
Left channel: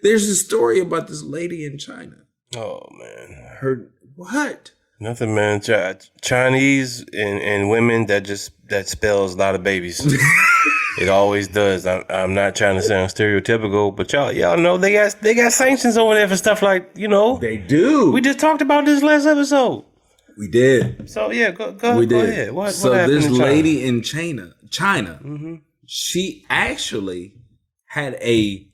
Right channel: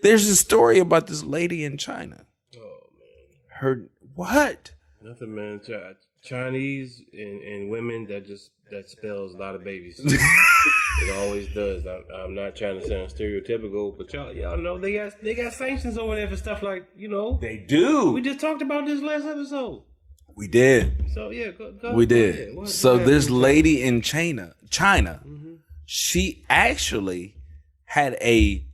there's a story about this lady in China. Oh man. Her what? Nothing, man. Chinese and women that spells a lot of babies. It always does. I'm not trying to sound stereotypical, but y'all know they got sanctions over there for stuff like, you know. They do. We just talked about this last episode. We did. So yeah, go We did. ahead. What So happened this in China? lady in China, Mm-hmm. she actually had a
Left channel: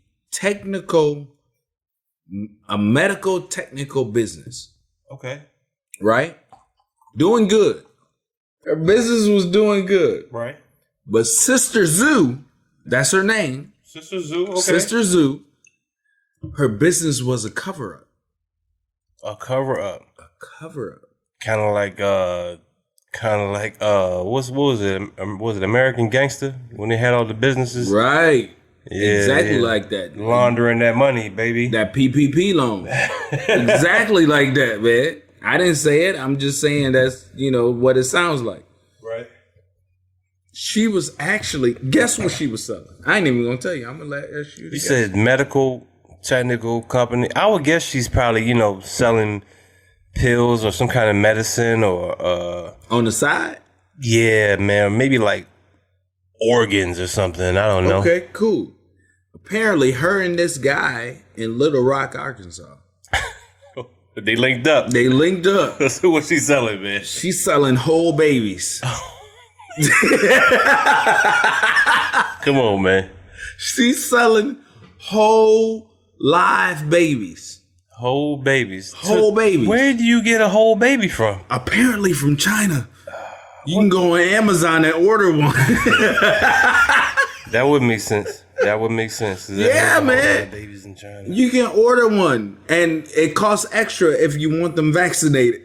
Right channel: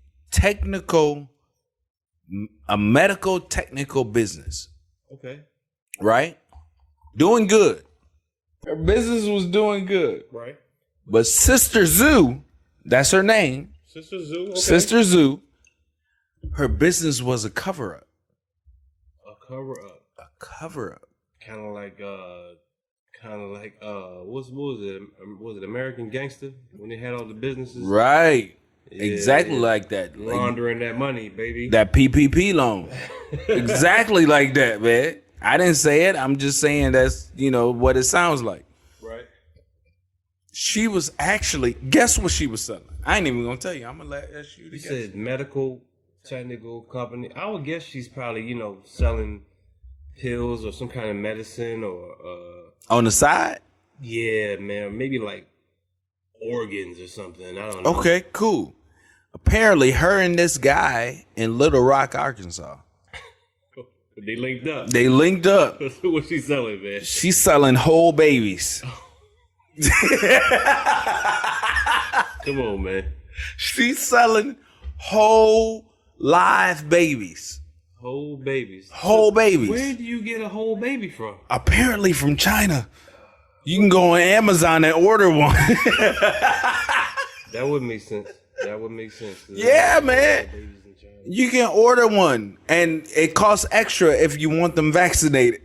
medical technical business, Okay. right? Doing good. Her business was doing good. Right. But Sister Zoo, that's her name, Sister Zoo. Okay. Sister Zoo, her business was a cover-up. A cover up. A cover-up. Kind of like what was it? Was it American Gangster when they had all the businesses? Right. Yeah, exactly yeah. like that. Laundering that money, baby. That PPP loan. Exactly like that, man. I didn't say it. I'm just saying that's, what it sounds like. Right. She was actually, guess what she was selling? I ain't even gonna tell you. I'm gonna ask you to You guess. said medical technical company. I would guess she's probably, selling pills or some kind of medicine or On the side? yeah, man, maybe like organs or something. I don't know. Okay, cool. Apparently, her and this guy in Little Rock, Arkansas, They linked up. they linked up. So what she selling, man? She's selling whole babies. Come on, man. She's selling whole live babies. Whole babies. Whole babies. Where do you get a whole baby from? Apparently from China. You can go on Amazon and order one. That would make sense. That would make sense. Yeah, man. Babies in China. You can order one, and it costs extra if you want them vaccinated.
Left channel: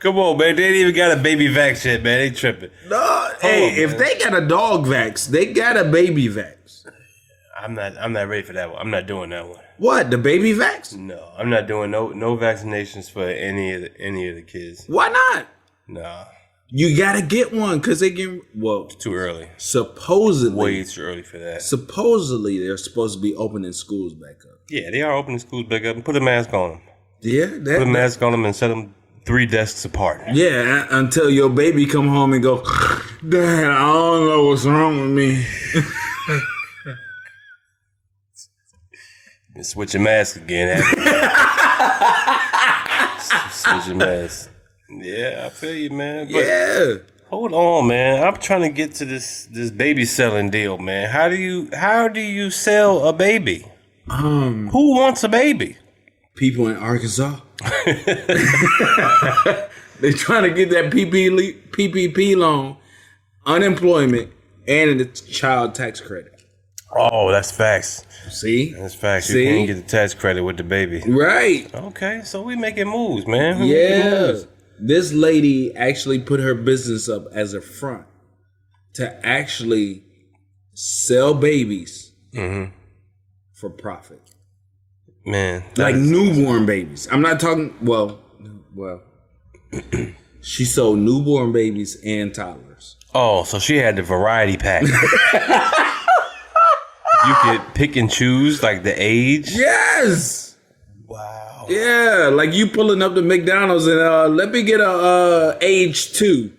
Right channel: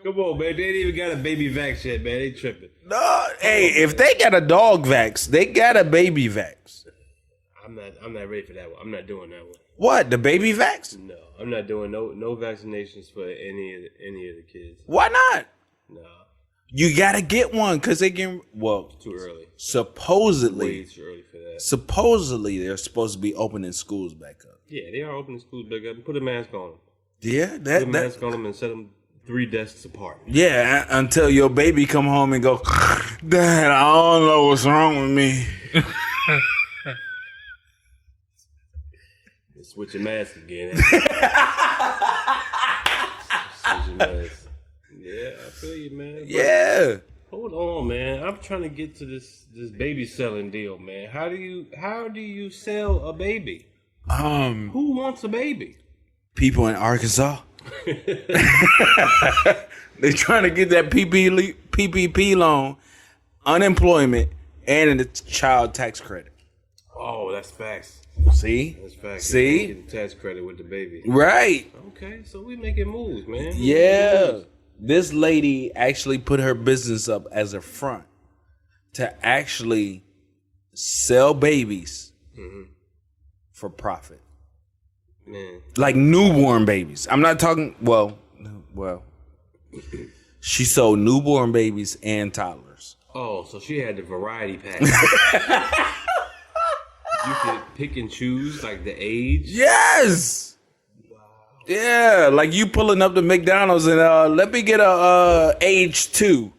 Come on, man. They ain't even got a baby vax yet, man. They tripping. No, hey, if they got a dog vax, they got a baby vax. I'm not ready for that one. I'm not doing that one. What, the baby vax? No, I'm not doing no vaccinations for any of the kids. Why not? Nah, You gotta get one because they can. Well, too early. supposedly, Way too early for that. supposedly they're supposed to be opening schools back up. Yeah, they are opening schools back up and put a mask on them. Yeah, Put a mask on them and set them 3 desks apart. yeah. Until your baby come home and go, Dad, I don't know what's wrong with me. And switch your mask again. Switch your mask. Yeah, I feel you, man. But Yeah. hold on, man. I'm trying to get to this baby selling deal, man. How do you sell a baby? Who wants a baby? People in Arkansas. They trying to get that PPP loan, unemployment, and the child tax credit. Oh, that's facts. See? That's facts. See? You can get the tax credit with the baby. Right. Okay, so we making moves, man. We making Yeah. moves. This lady actually put her business up as a front to actually sell babies for profit. Man. Like newborn babies. I'm not talking, well, she sold newborn babies and toddlers. Oh, so she had the variety pack. You could pick and choose like the age. Yes. Wow. Yeah, like you pulling up to McDonald's and let me get a age 2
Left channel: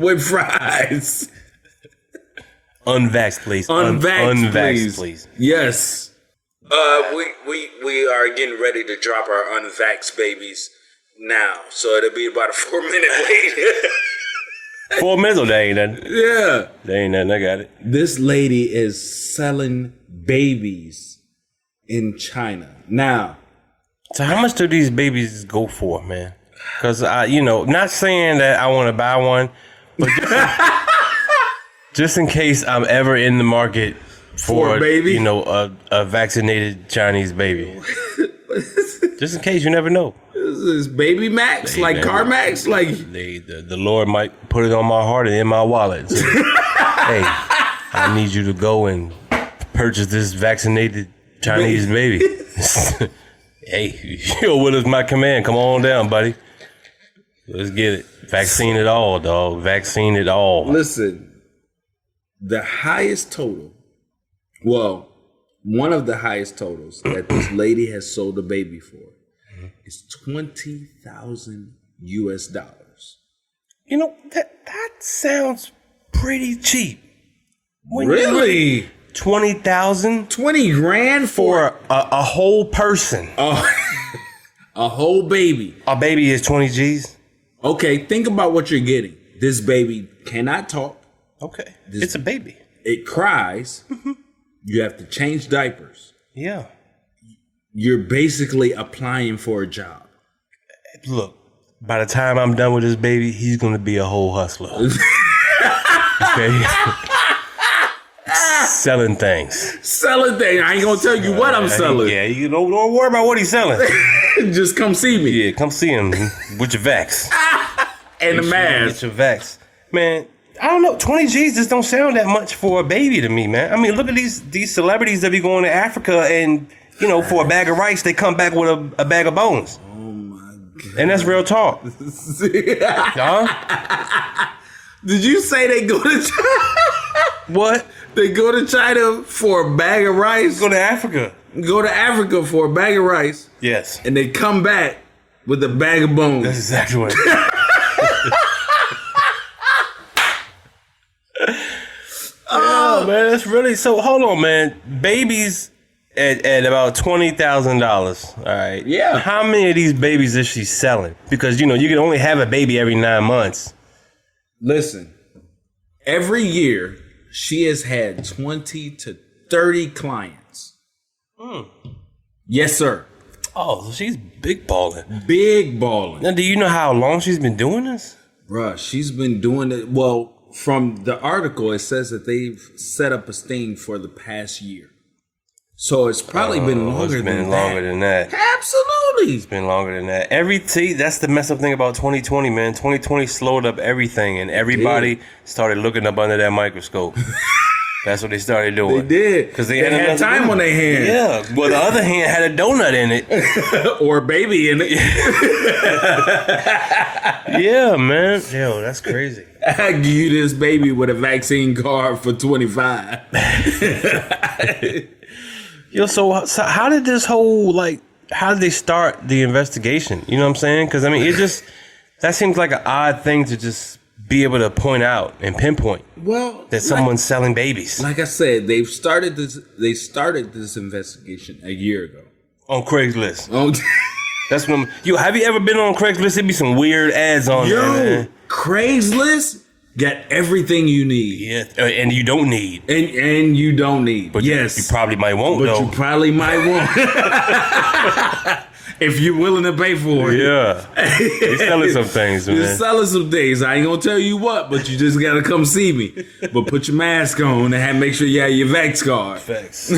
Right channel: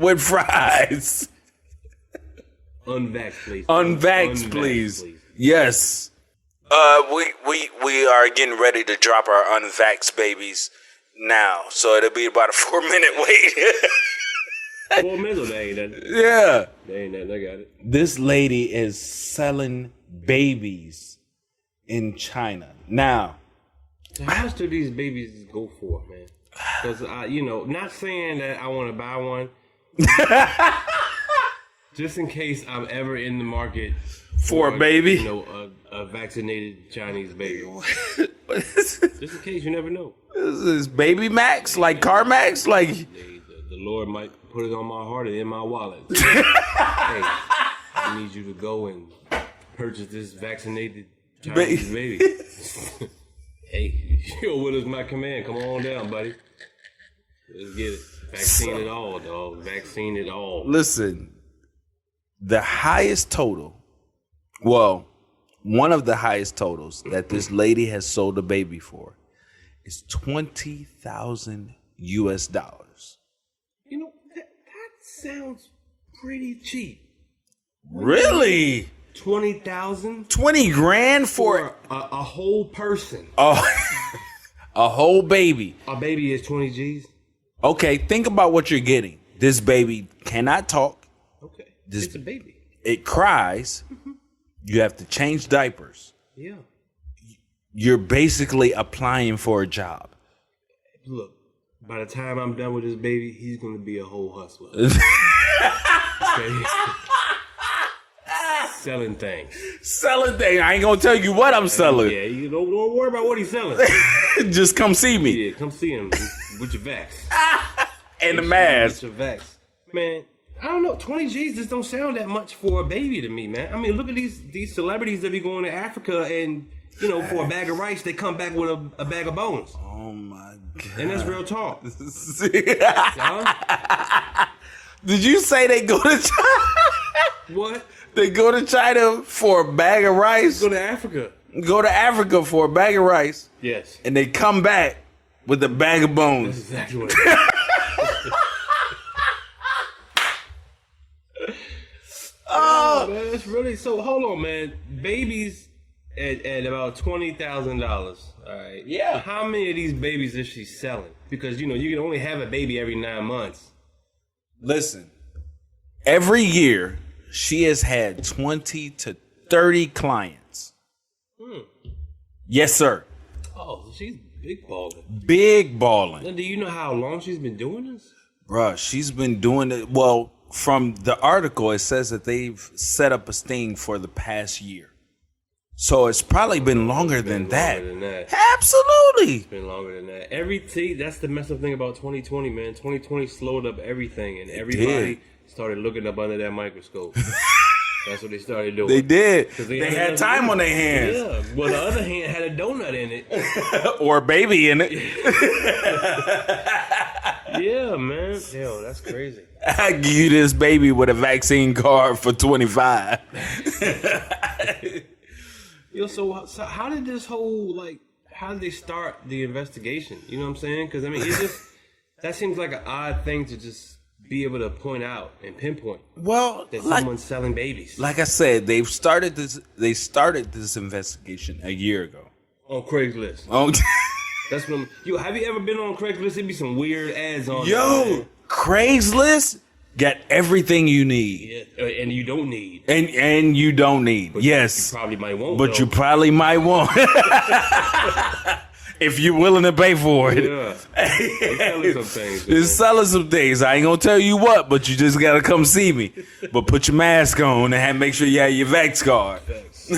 with fries. Unvaxxed, please. Unvaxxed, Unvaxxed, please. Yes. We are getting ready to drop our unvaxxed babies now, so it'll be about a 4-minute wait. 4 minutes, oh, that ain't nothing. Yeah. That ain't nothing. I got it. This lady is selling babies in China. Now, So how much do these babies go for, man? Because not saying that I want to buy one, Just in case I'm ever in the market For a baby? you know, a vaccinated Chinese baby. Just in case, you never know. This is Baby Max, like man. CarMax, like The Lord might put it on my heart and in my wallet. So, hey, I need you to go and purchase this vaccinated Chinese baby. Hey, your will is my command. Come on down, buddy. Let's get it. Vaccine it all, dog. Vaccine it all. Listen, the highest total, well, one of the highest totals that this lady has sold a baby for is $20,000 US. You know, that sounds pretty cheap. Really? 20,000 20 grand for a whole person. a whole baby. A baby is 20 G's. Okay, think about what you're getting. This baby cannot talk. Okay. It's a baby. It cries. You have to change diapers. Yeah. You're basically applying for a job. Look, by the time I'm done with this baby, he's going to be a whole hustler. Okay? Selling things. Selling things. I ain't gonna tell you what I'm selling. Yeah, you don't worry about what he's selling. Just come see me. Yeah, come see him with your vax. And the mask. Get your vax. Man, I don't know. 20 G's just don't sound that much for a baby to me, man. I mean, look at these celebrities that be going to Africa and, you know, for a bag of rice, they come back with a bag of bones. Oh my God. And that's real talk. Huh? Did you say they go to China? What? They go to China for a bag of rice? Go to Africa. Go to Africa for a bag of rice. Yes. And they come back with a bag of bones. That's exactly what it is. Oh, man, that's really... So, hold on, man. Babies at about $20,000, all right? Yeah. How many of these babies is she selling? Because, you know, you can only have a baby every 9 months. Listen, every year... she has had 20 to 30 clients. Yes, sir. Oh, so she's big balling. Big balling. Now, do you know how long she's been doing this? Bruh, she's been doing it. Well, from the article, it says that they've set up a sting for the past year. So it's probably been longer It's been than longer that. than that. Absolutely. It's been longer than that. That's the messed up thing about 2020, man. 2020 slowed up everything, and everybody started looking up under that microscope. That's what they started doing. They did. Because they had nothing to time do. on their hands. Yeah. Well, the other hand had a donut in it. Or a baby in it. Yeah, man. Yo, that's crazy. I give you this baby with a vaccine card for $25. Yo, so how did this whole, how did they start the investigation? You know what I'm saying? Because, I mean, that seems like an odd thing to just be able to point out and pinpoint. Well, that someone's selling babies. Like I said, they started this investigation a year ago. On Craigslist. Oh, That's when, have you ever been on Craigslist? It'd be some weird ads on there, man. Craigslist got everything you need. Yeah, and you don't need. And you don't need. But yes. You probably might want, But though. you probably might want. If you're willing to pay for it. Yeah. They're selling some things, man. They're selling some things. I ain't gonna tell you what, but you just gotta come see me. But put your mask on and make sure you have your Vax card. Facts.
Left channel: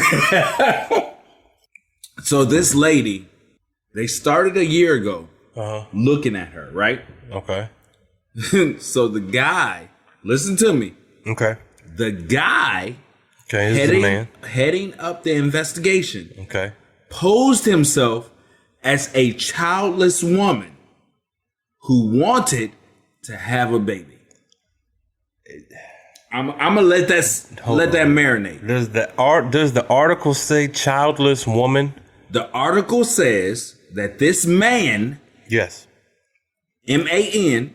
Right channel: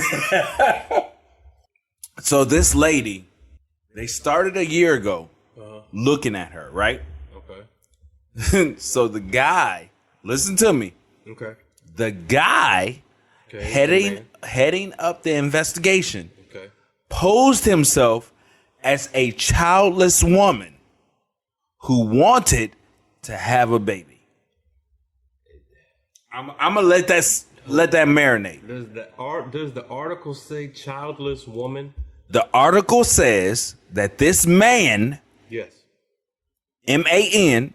So this lady, they started a year ago looking at her, right? Okay. So the guy, listen to me. Okay. The guy Okay, this is the man. heading up the investigation Okay. posed himself as a childless woman who wanted to have a baby. I'm gonna let that marinate. Does the article say childless woman? The article says that this man, Yes. MAN,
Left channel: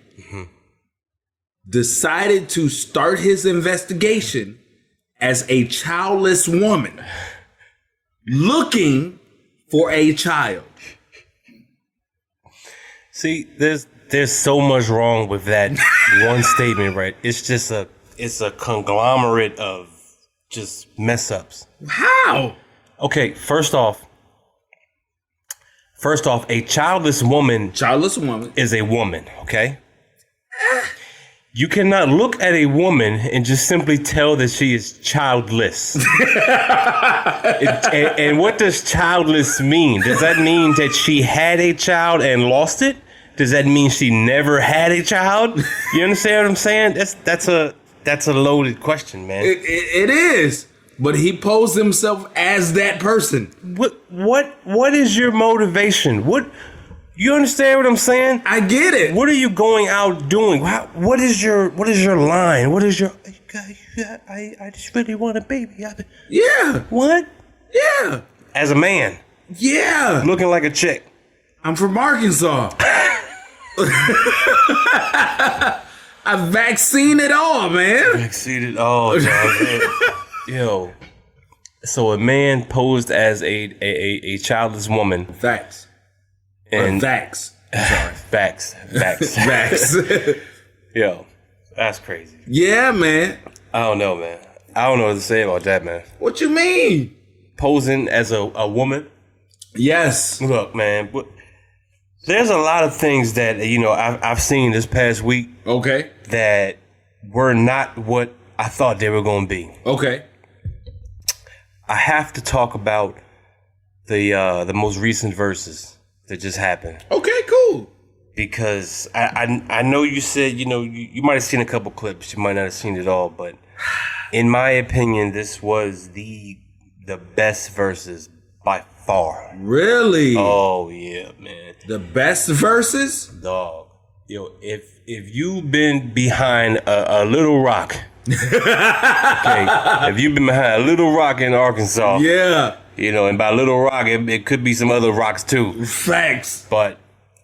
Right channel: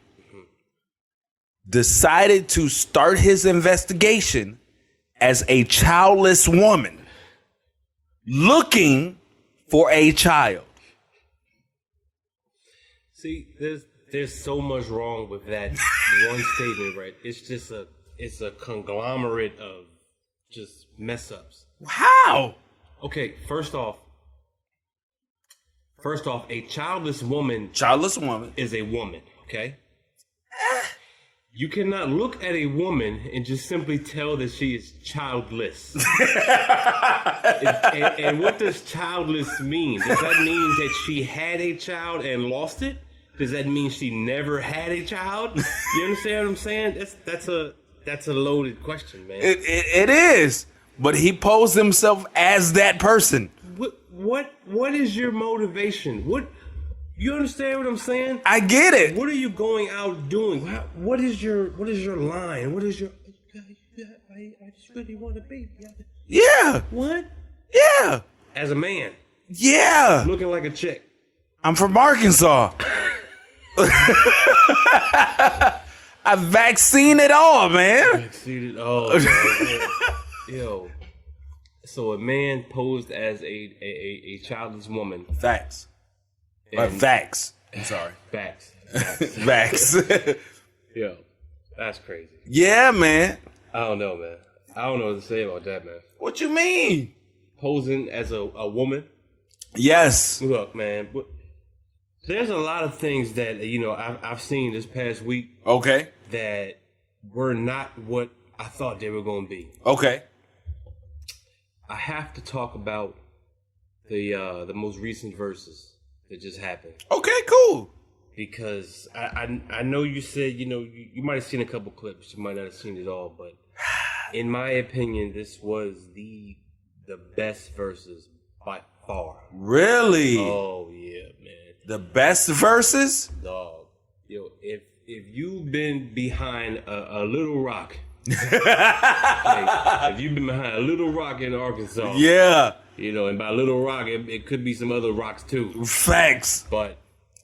decided to start his investigation as a childless woman looking for a child. See, there's so much wrong with that one statement, right? It's a conglomerate of just mess ups. How? Okay, first off, a childless woman Childless woman. is a woman, okay? You cannot look at a woman and just simply tell that she is childless. And what does childless mean? Does that mean that she had a child and lost it? Does that mean she never had a child? You understand what I'm saying? That's a loaded question, man. It is. But he posed himself as that person. What is your motivation? You understand what I'm saying? I get it. What are you going out doing? What is your line? What is your? I just really want a baby. Yeah. What? Yeah. As a man. Yeah. Looking like a chick. I'm from Arkansas. I vaccine it all, man. Vaccinated all, dog. Yo. So a man posed as a childless woman. Facts. And vax. I'm sorry. Facts. Vax. Yo, that's crazy. Yeah, man. I don't know, man. I don't know what to say about that, man. What you mean? Posing as a woman. Yes. Look, man. There's a lot of things that I've seen this past week. Okay. That were not what I thought they were going to be. Okay. I have to talk about the most recent verses that just happened. Okay, cool. Because I know you said, you might have seen a couple clips, you might not have seen it all, but in my opinion, this was the best verses by far. Really? Oh yeah, man. The best verses? Dog. Yo, if you've been behind a little rock, okay, if you've been behind a little rock in Arkansas, yeah. And by little rock, it could be some other rocks too. Facts. But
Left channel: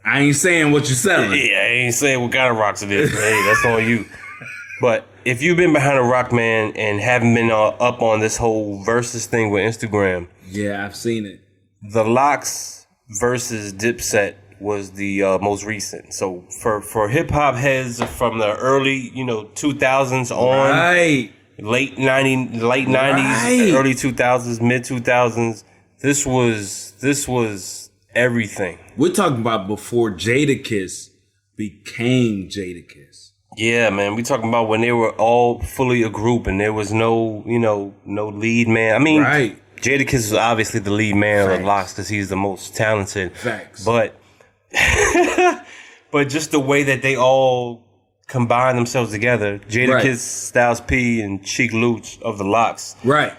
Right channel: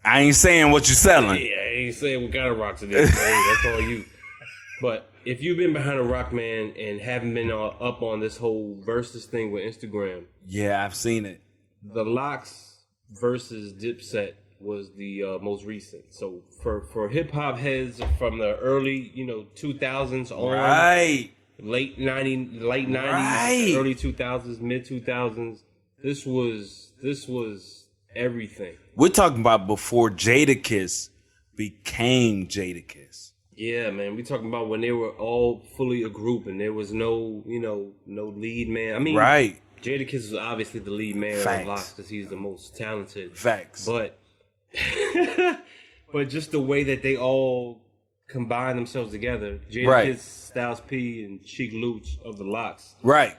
I ain't saying what you're selling. Yeah, I ain't saying what kind of rocks it is. Hey, that's on you. But if you've been behind a rock, man, and haven't been up on this whole versus thing with Instagram. Yeah, I've seen it. The Lox versus Dipset was the most recent. So for hip hop heads from the early, 2000s on. Right. Late 90s, early 2000s, mid 2000s. This was everything. We're talking about before Jadakiss became Jadakiss. Yeah, man. We talking about when they were all fully a group and there was no lead man. I mean, right. Jadakiss was obviously the lead man Facts. of the Lox because he's the most talented. Facts. But just the way that they all combine themselves together, Jadakiss, Right. Styles P, and Cheek Luch of the Lox. Right.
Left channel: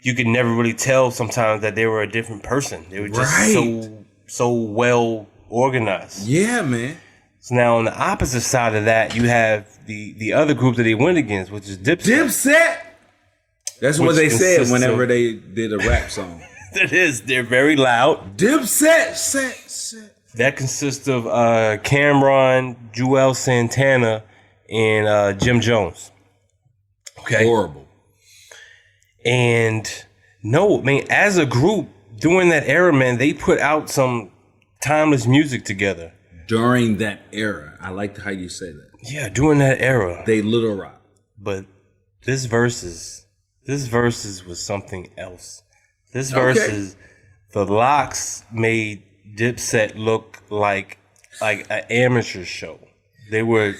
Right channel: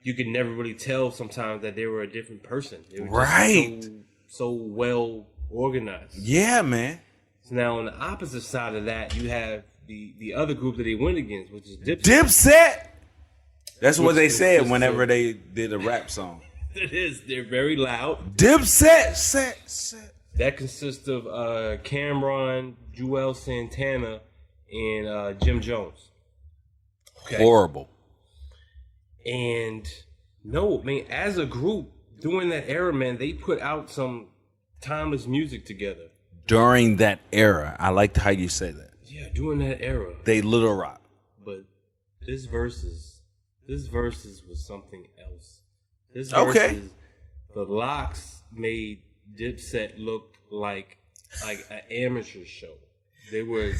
You could never really tell sometimes that they were a different person. They were just Right. so well organized. Yeah, man. So now on the opposite side of that, you have the other group that they went against, which is Dipset. Dipset. That's what Which they said consists whenever of- they did a rap song. That is, they're very loud. Dipset. Set. That consists of Cameron, Joel Santana, and Jim Jones. Okay. Horrible. And no, man, as a group during that era, man, they put out some timeless music together. During that era, I liked how you say that. Yeah, during that era. They Little Rock. But this verses was something else. This Okay. verses, the Lox made Dipset look like an amateur show. They were,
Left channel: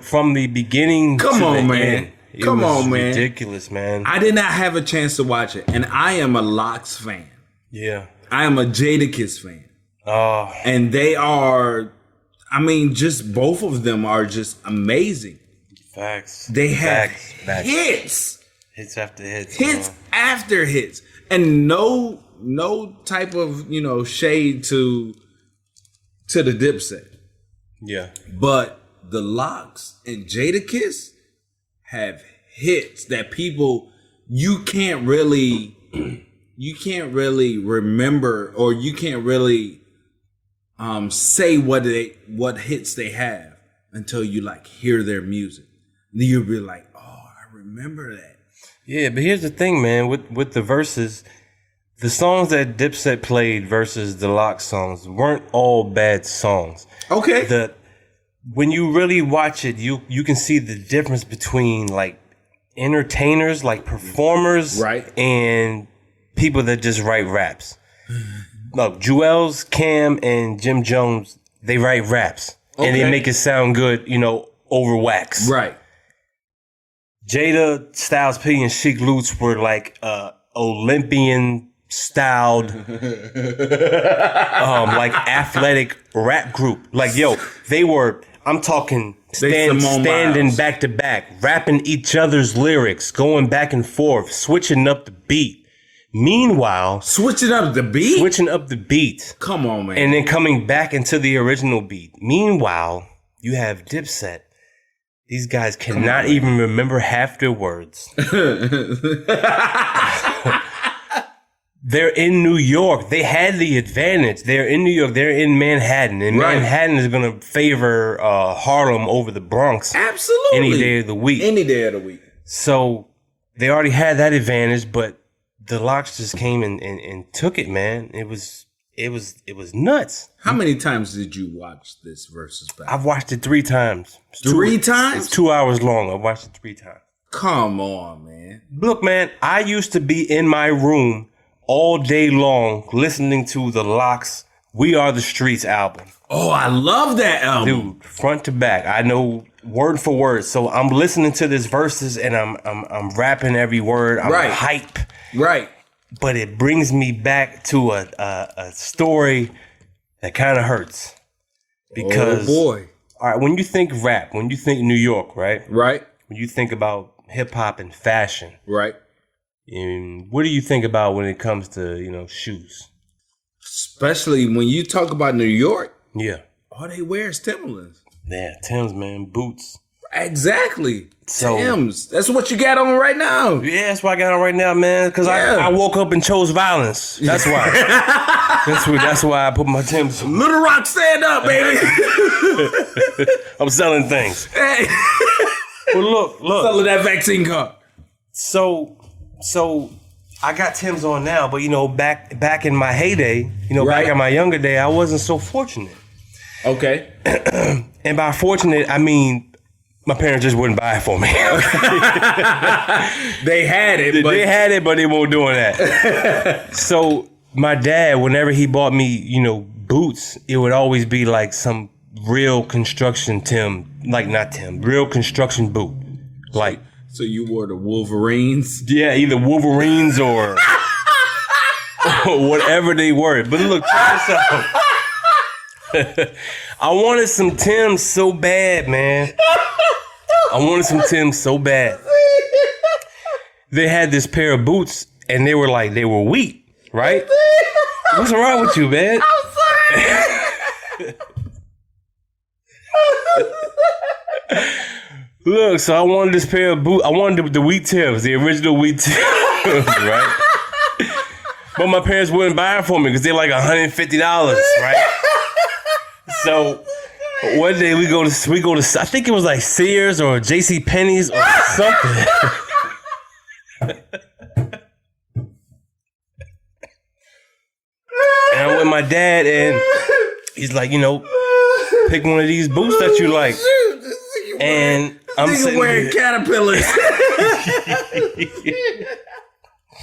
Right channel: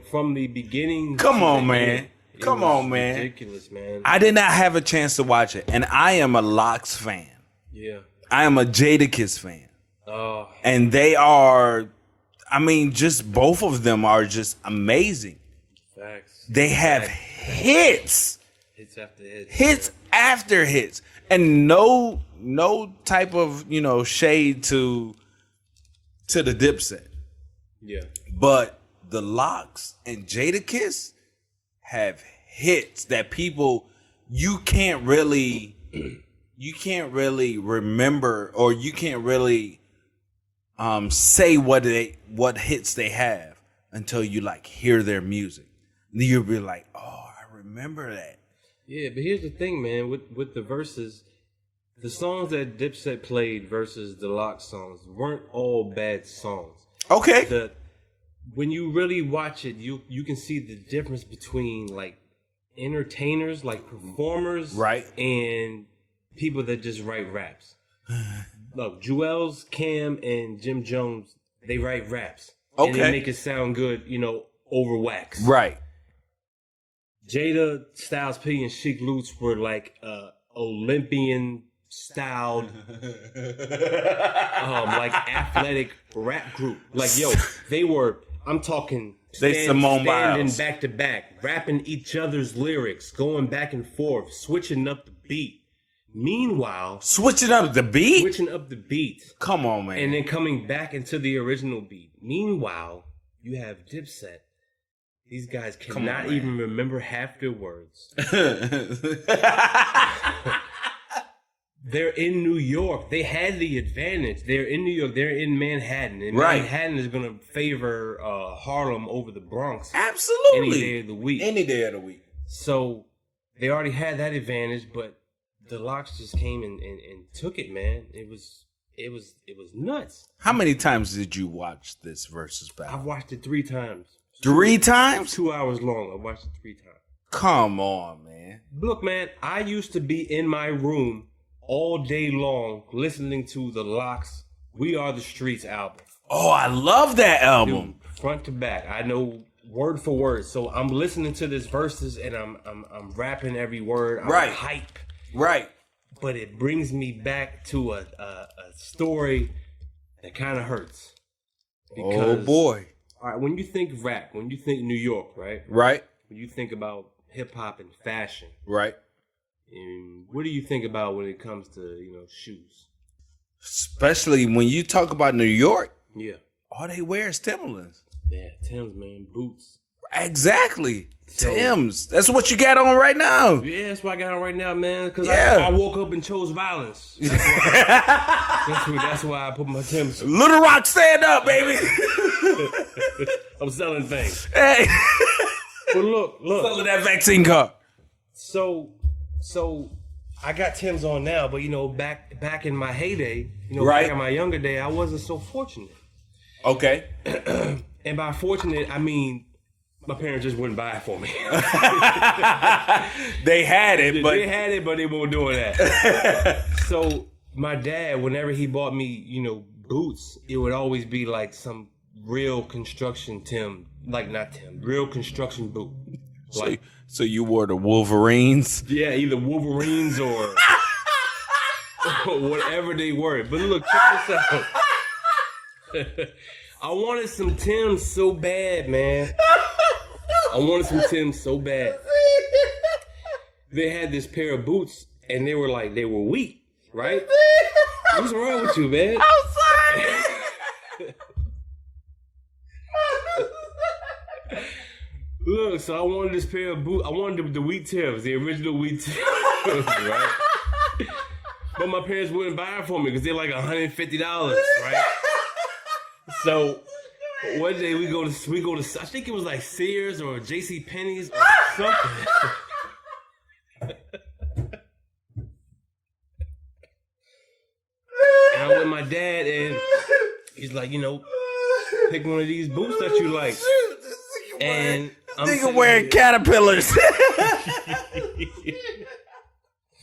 from the beginning. Come to on, the man. end, it Come was on, man. ridiculous, man. I did not have a chance to watch it, and I am a Lox fan. Yeah. I am a Jadakiss fan. Oh, And they are, just both of them are just amazing. facts. They have Facts. hits. Hits after hits. Hits after hits. And no type of, shade to the Dipset. Yeah. But the Lox and Jadakiss have hits that people you can't really remember, or you can't really say what hits they have until you hear their music. And then you'll be like, oh, I remember that. Yeah, but here's the thing, man. With the verses, the songs that Dipset played versus the Lox songs weren't all bad songs. Okay. When you really watch it, you can see the difference between entertainers, performers, Right. and people that just write raps. Look, Joel's, Cam, and Jim Jones, they write raps. And they Okay. make it sound good, over wax. Right. Jada, Styles P, and Chic Lutz were like Olympian styled, like athletic rap group. Like, yo, they were, I'm talking standing back to back, rapping each other's lyrics, going back and forth, switching up the beat. Meanwhile, Switching up the beat? Come on, man. And then coming back into the original beat. Meanwhile, you have Dipset. These guys cannot even remember half their words. They're in New York. They had the advantage. They're in New York. They're in Manhattan. And Manhattan is going to favor Harlem over the Bronx. Absolutely. Any day of the week. Any day of the week. So they already had that advantage, but the Locks just came and took it, man. It was nuts. How many times did you watch this versus battle? I've watched it 3 times. Three times? It's 2 hours long. I watched it 3 times. Come on, man. Look, man, I used to be in my room all day long listening to the Locks We Are the Streets album. Oh, I love that album. Dude, front to back. I know word for word. So I'm listening to this verses and I'm rapping every word. I'm hype. Right. But it brings me back to a story that kind of hurts. Because, oh boy. All right, when you think rap, when you think New York, right? Right. When you think about hip hop and fashion. Right. And what do you think about when it comes to, shoes? Especially when you talk about New York. Yeah. All they wear is Timberlands. Yeah, Timbs, man, boots. Exactly. So, Timbs. That's what you got on right now. Yeah, that's what I got on right now, man. Because I woke up and chose violence. That's why. that's why I put my Timbs on. Little Rock, stand up, baby. I'm selling things. Hey. Well, look. Selling that vaccine card. So I got Timbs on now, but back in my heyday, back in my younger day, I wasn't so fortunate. Okay. And by fortunate, I mean my parents just wouldn't buy it for me. They had it, but they weren't doing that. So my dad, whenever he bought me, boots, it would always be like some real construction real construction boot. So you wore the Wolverines? Yeah, either Wolverines or whatever they were. But look, check this out. I wanted some Timbs so bad, man. I wanted some Timbs so bad. They had this pair of boots, and they were wheat, right? What's wrong with you, man? I'm sorry. Look, so I wanted this pair of boots. I wanted the wheat Timbs, the original wheat Timbs, right? But my parents wouldn't buy it for me because they're like $150, right? So one day we go to I think it was like Sears or J.C. Penney's or something. And I'm with my dad, and he's like, pick one of these boots that you like. And I'm sitting wearing caterpillars.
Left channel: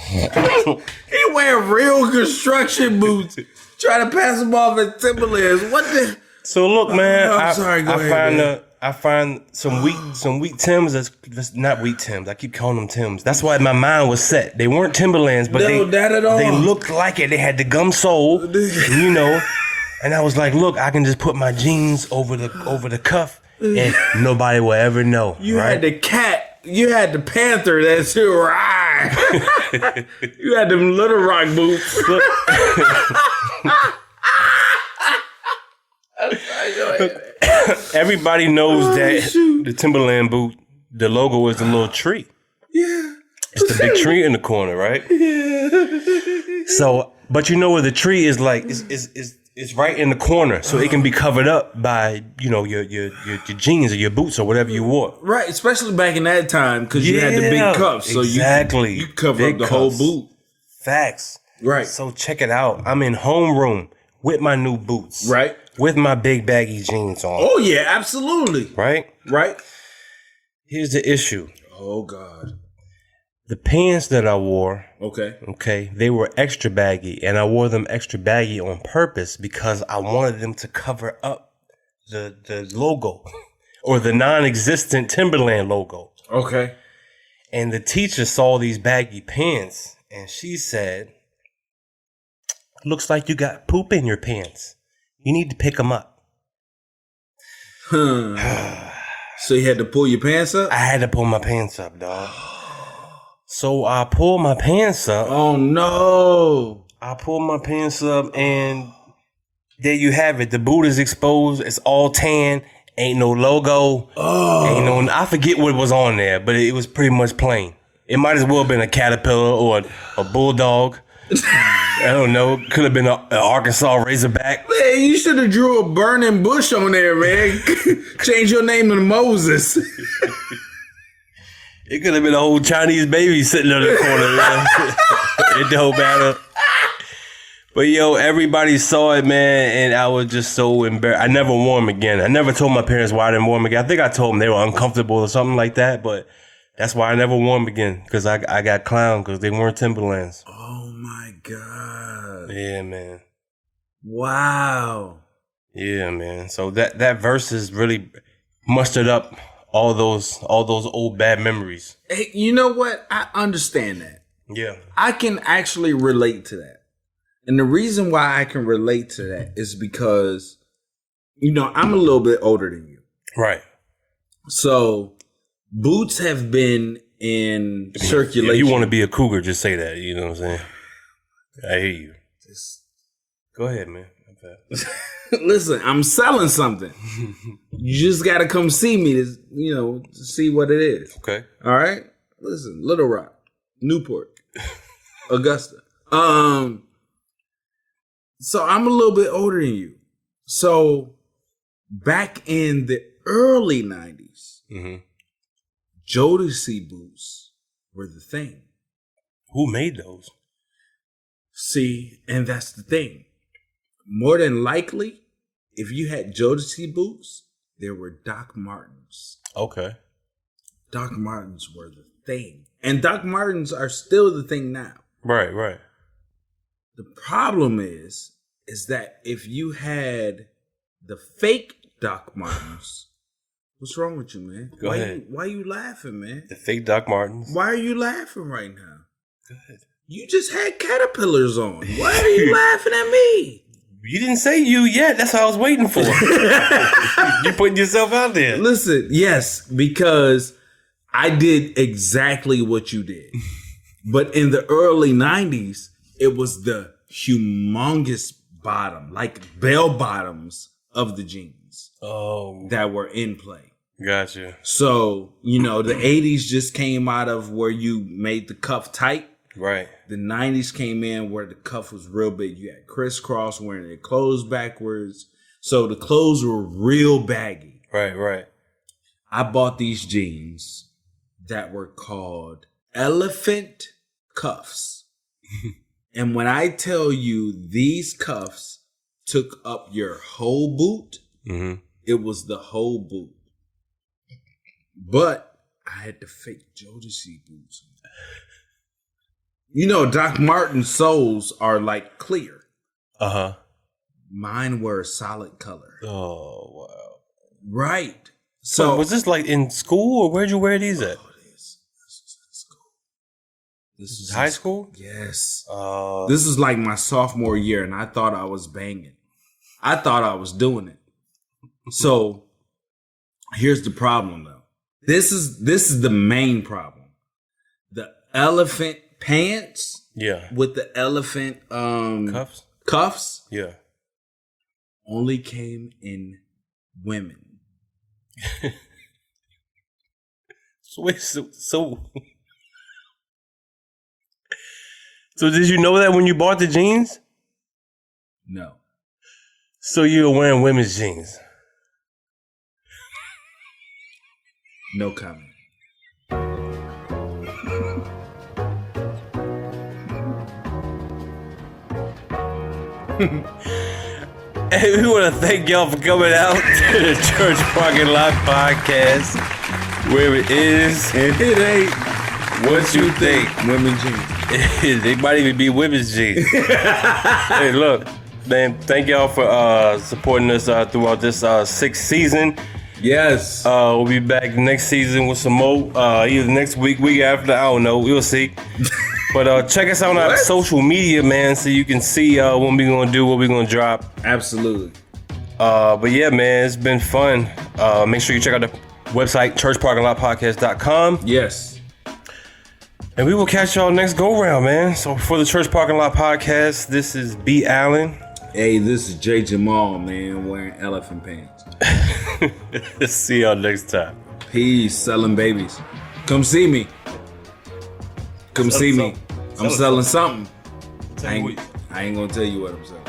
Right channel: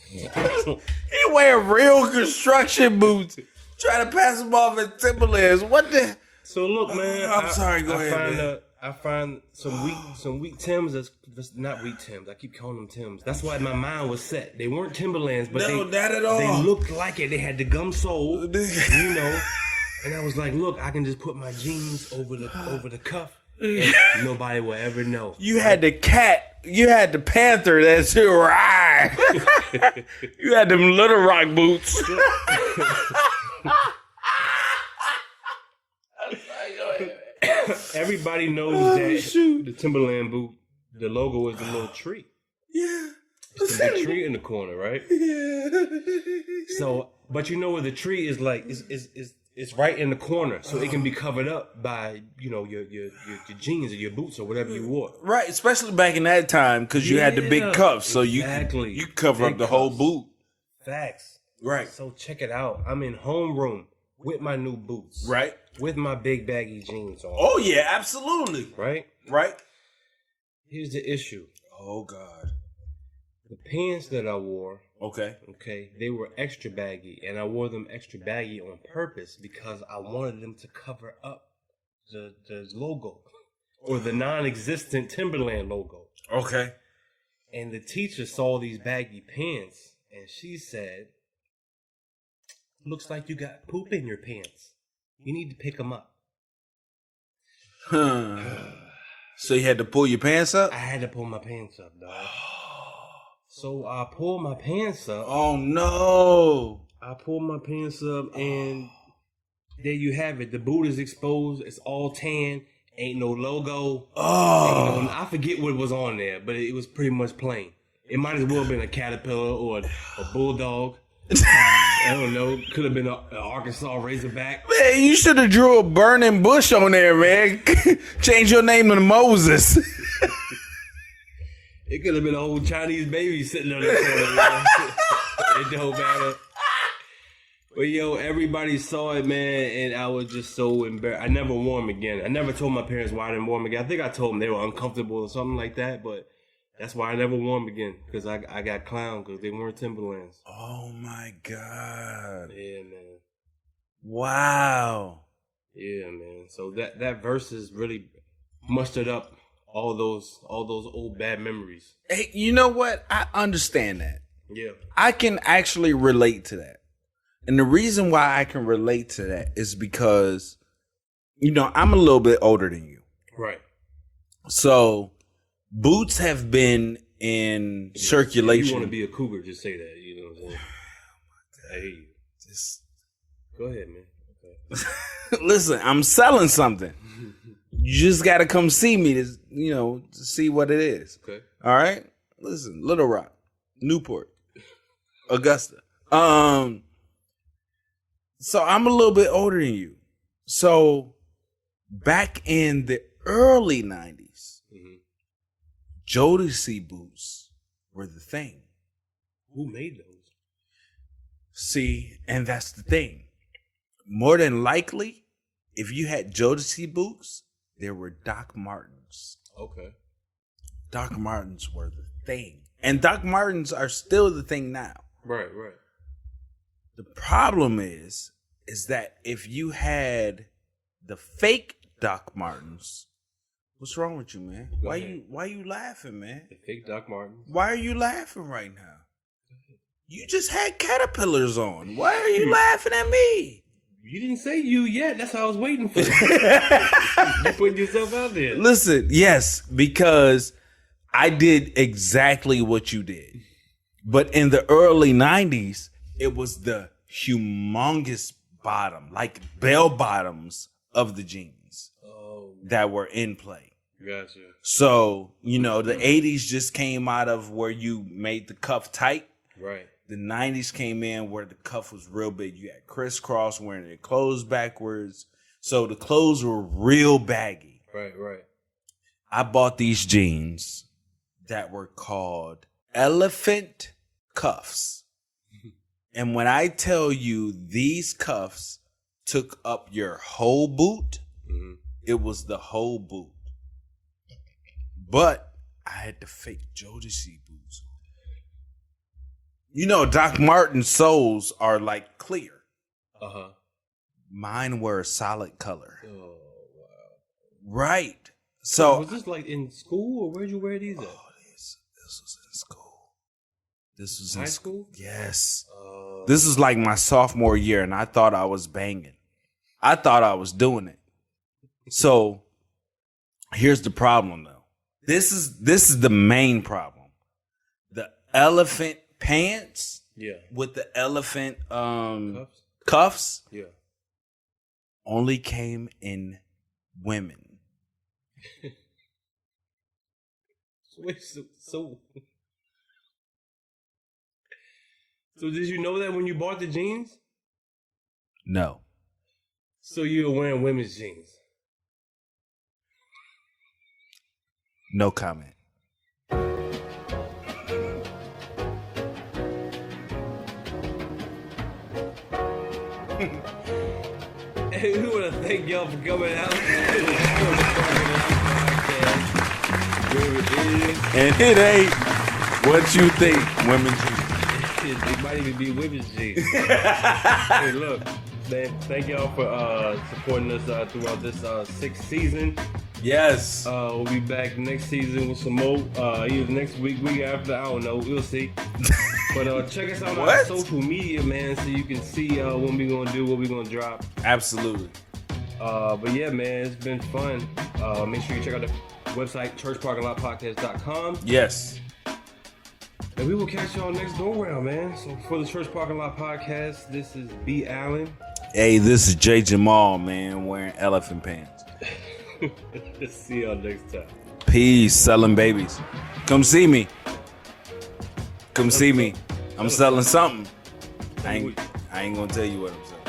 He wearing real construction boots. Trying to pass them off as Timberlands. What the? So look, man. I'm sorry. Go ahead. I find some wheat Timbs that's not wheat Timbs. I keep calling them Timbs. That's why my mind was set. They weren't Timberlands, but they looked like it. They had the gum sole, And I was like, look, I can just put my jeans over the cuff, and nobody will ever know. You had the cat. You had the panther that's your ride. You had them Little Rock boots. Everybody knows that the Timberland boot, the logo is the little tree. Yeah. It's the big tree in the corner, right? Yeah. So, but where the tree is like, it's right in the corner, so it can be covered up by, your jeans or your boots or whatever you wore. Right, especially back in that time, because you had the big cuffs, so you cover up the whole boot. Facts. Right. So check it out. I'm in homeroom with my new boots. Right. With my big baggy jeans on. Oh yeah, absolutely. Right? Right. Here's the issue. Oh God. The pants that I wore, okay, they were extra baggy, and I wore them extra baggy on purpose because I wanted them to cover up the logo or the non-existent Timberland logo. Okay. And the teacher saw these baggy pants and she said, looks like you got poop in your pants. You need to pick them up. So you had to pull your pants up? I had to pull my pants up, dog. So I pulled my pants up. Oh no. I pulled my pants up and there you have it. The boot is exposed. It's all tan. Ain't no logo. Ain't no. I forget what was on there, but it was pretty much plain. It might as well have been a caterpillar or a bulldog. I don't know. Could have been an Arkansas Razorback. Man, you should have drew a burning bush on there, man. Change your name to Moses. It could have been an old Chinese baby sitting in the corner, man. It don't matter. But yo, everybody saw it, man, and I was just so embarrassed. I never wore them again. I never told my parents why I didn't wear them again. I think I told them they were uncomfortable or something like that, but that's why I never wore them again, because I got clowned because they weren't Timberlands. Oh my God. Yeah, man. Wow. Yeah, man. So that verse is really mustered up all those old bad memories. Hey, you know what? I understand that. Yeah. I can actually relate to that. And the reason why I can relate to that is because, you know, I'm a little bit older than you. Right. So boots have been in circulation. If you want to be a cougar, just say that. You know what I'm saying? I hear you. Go ahead, man. Listen, I'm selling something. You just got to come see me to see what it is. Okay. All right? Listen, Little Rock, Newport, Augusta. So I'm a little bit older than you. So back in the early 90s, Jodeci boots were the thing. Who made those? See, and that's the thing. More than likely, if you had Jodeci boots, there were Doc Martens. Okay. Doc Martens were the thing. And Doc Martens are still the thing now. Right, right. The problem is that if you had the fake Doc Martens, what's wrong with you, man? Go ahead. Why you laughing, man? The fake Doc Martens. Why are you laughing right now? Go ahead. You just had caterpillars on. Why are you laughing at me? You didn't say you yet. That's what I was waiting for. You're putting yourself out there. Listen, yes, because I did exactly what you did. But in the early 90s, it was the humongous bottom, like bell bottoms of the jeans that were in play. Gotcha. So, the 80s just came out of where you made the cuff tight. Right. The 90s came in where the cuff was real big. You had crisscross wearing their clothes backwards. So the clothes were real baggy. Right, right. I bought these jeans that were called elephant cuffs. And when I tell you these cuffs took up your whole boot, it was the whole boot. But I had the fake Jodeci boots. Doc Martens soles are like clear. Uh-huh. Mine were a solid color. Oh, wow. Right. So was this like in school or where'd you wear these at? This was in school. This was high school? Yes. This is like my sophomore year, and I thought I was banging. I thought I was doing it. So here's the problem, though. This is the main problem. The elephant pants, with the elephant cuffs, only came in women. So did you know that when you bought the jeans? No. So you were wearing women's jeans? No comment. Hey, we want to thank y'all for coming out to the Church Parking Lot Podcast, where it is And it ain't what you think. Women's jeans. They might even be women's jeans. Hey, look, man, thank y'all for supporting us throughout this 6th season. Yes. We'll be back next season with some more. Either next week after. I don't know. We'll see. But check us out on our social media, man, so you can see what we're gonna do, what we're gonna drop. Absolutely. But yeah, man, it's been fun. Make sure you check out the website, churchparkinglotpodcast.com. Yes. And we will catch y'all next go round, man. So for the Church Parking Lot Podcast, this is B. Allen. Hey, this is J. Jamal, man, wearing elephant pants. See y'all next time. Peace, selling babies. Come see me. Come see me. I'm selling something. I ain't gonna tell you what I'm selling.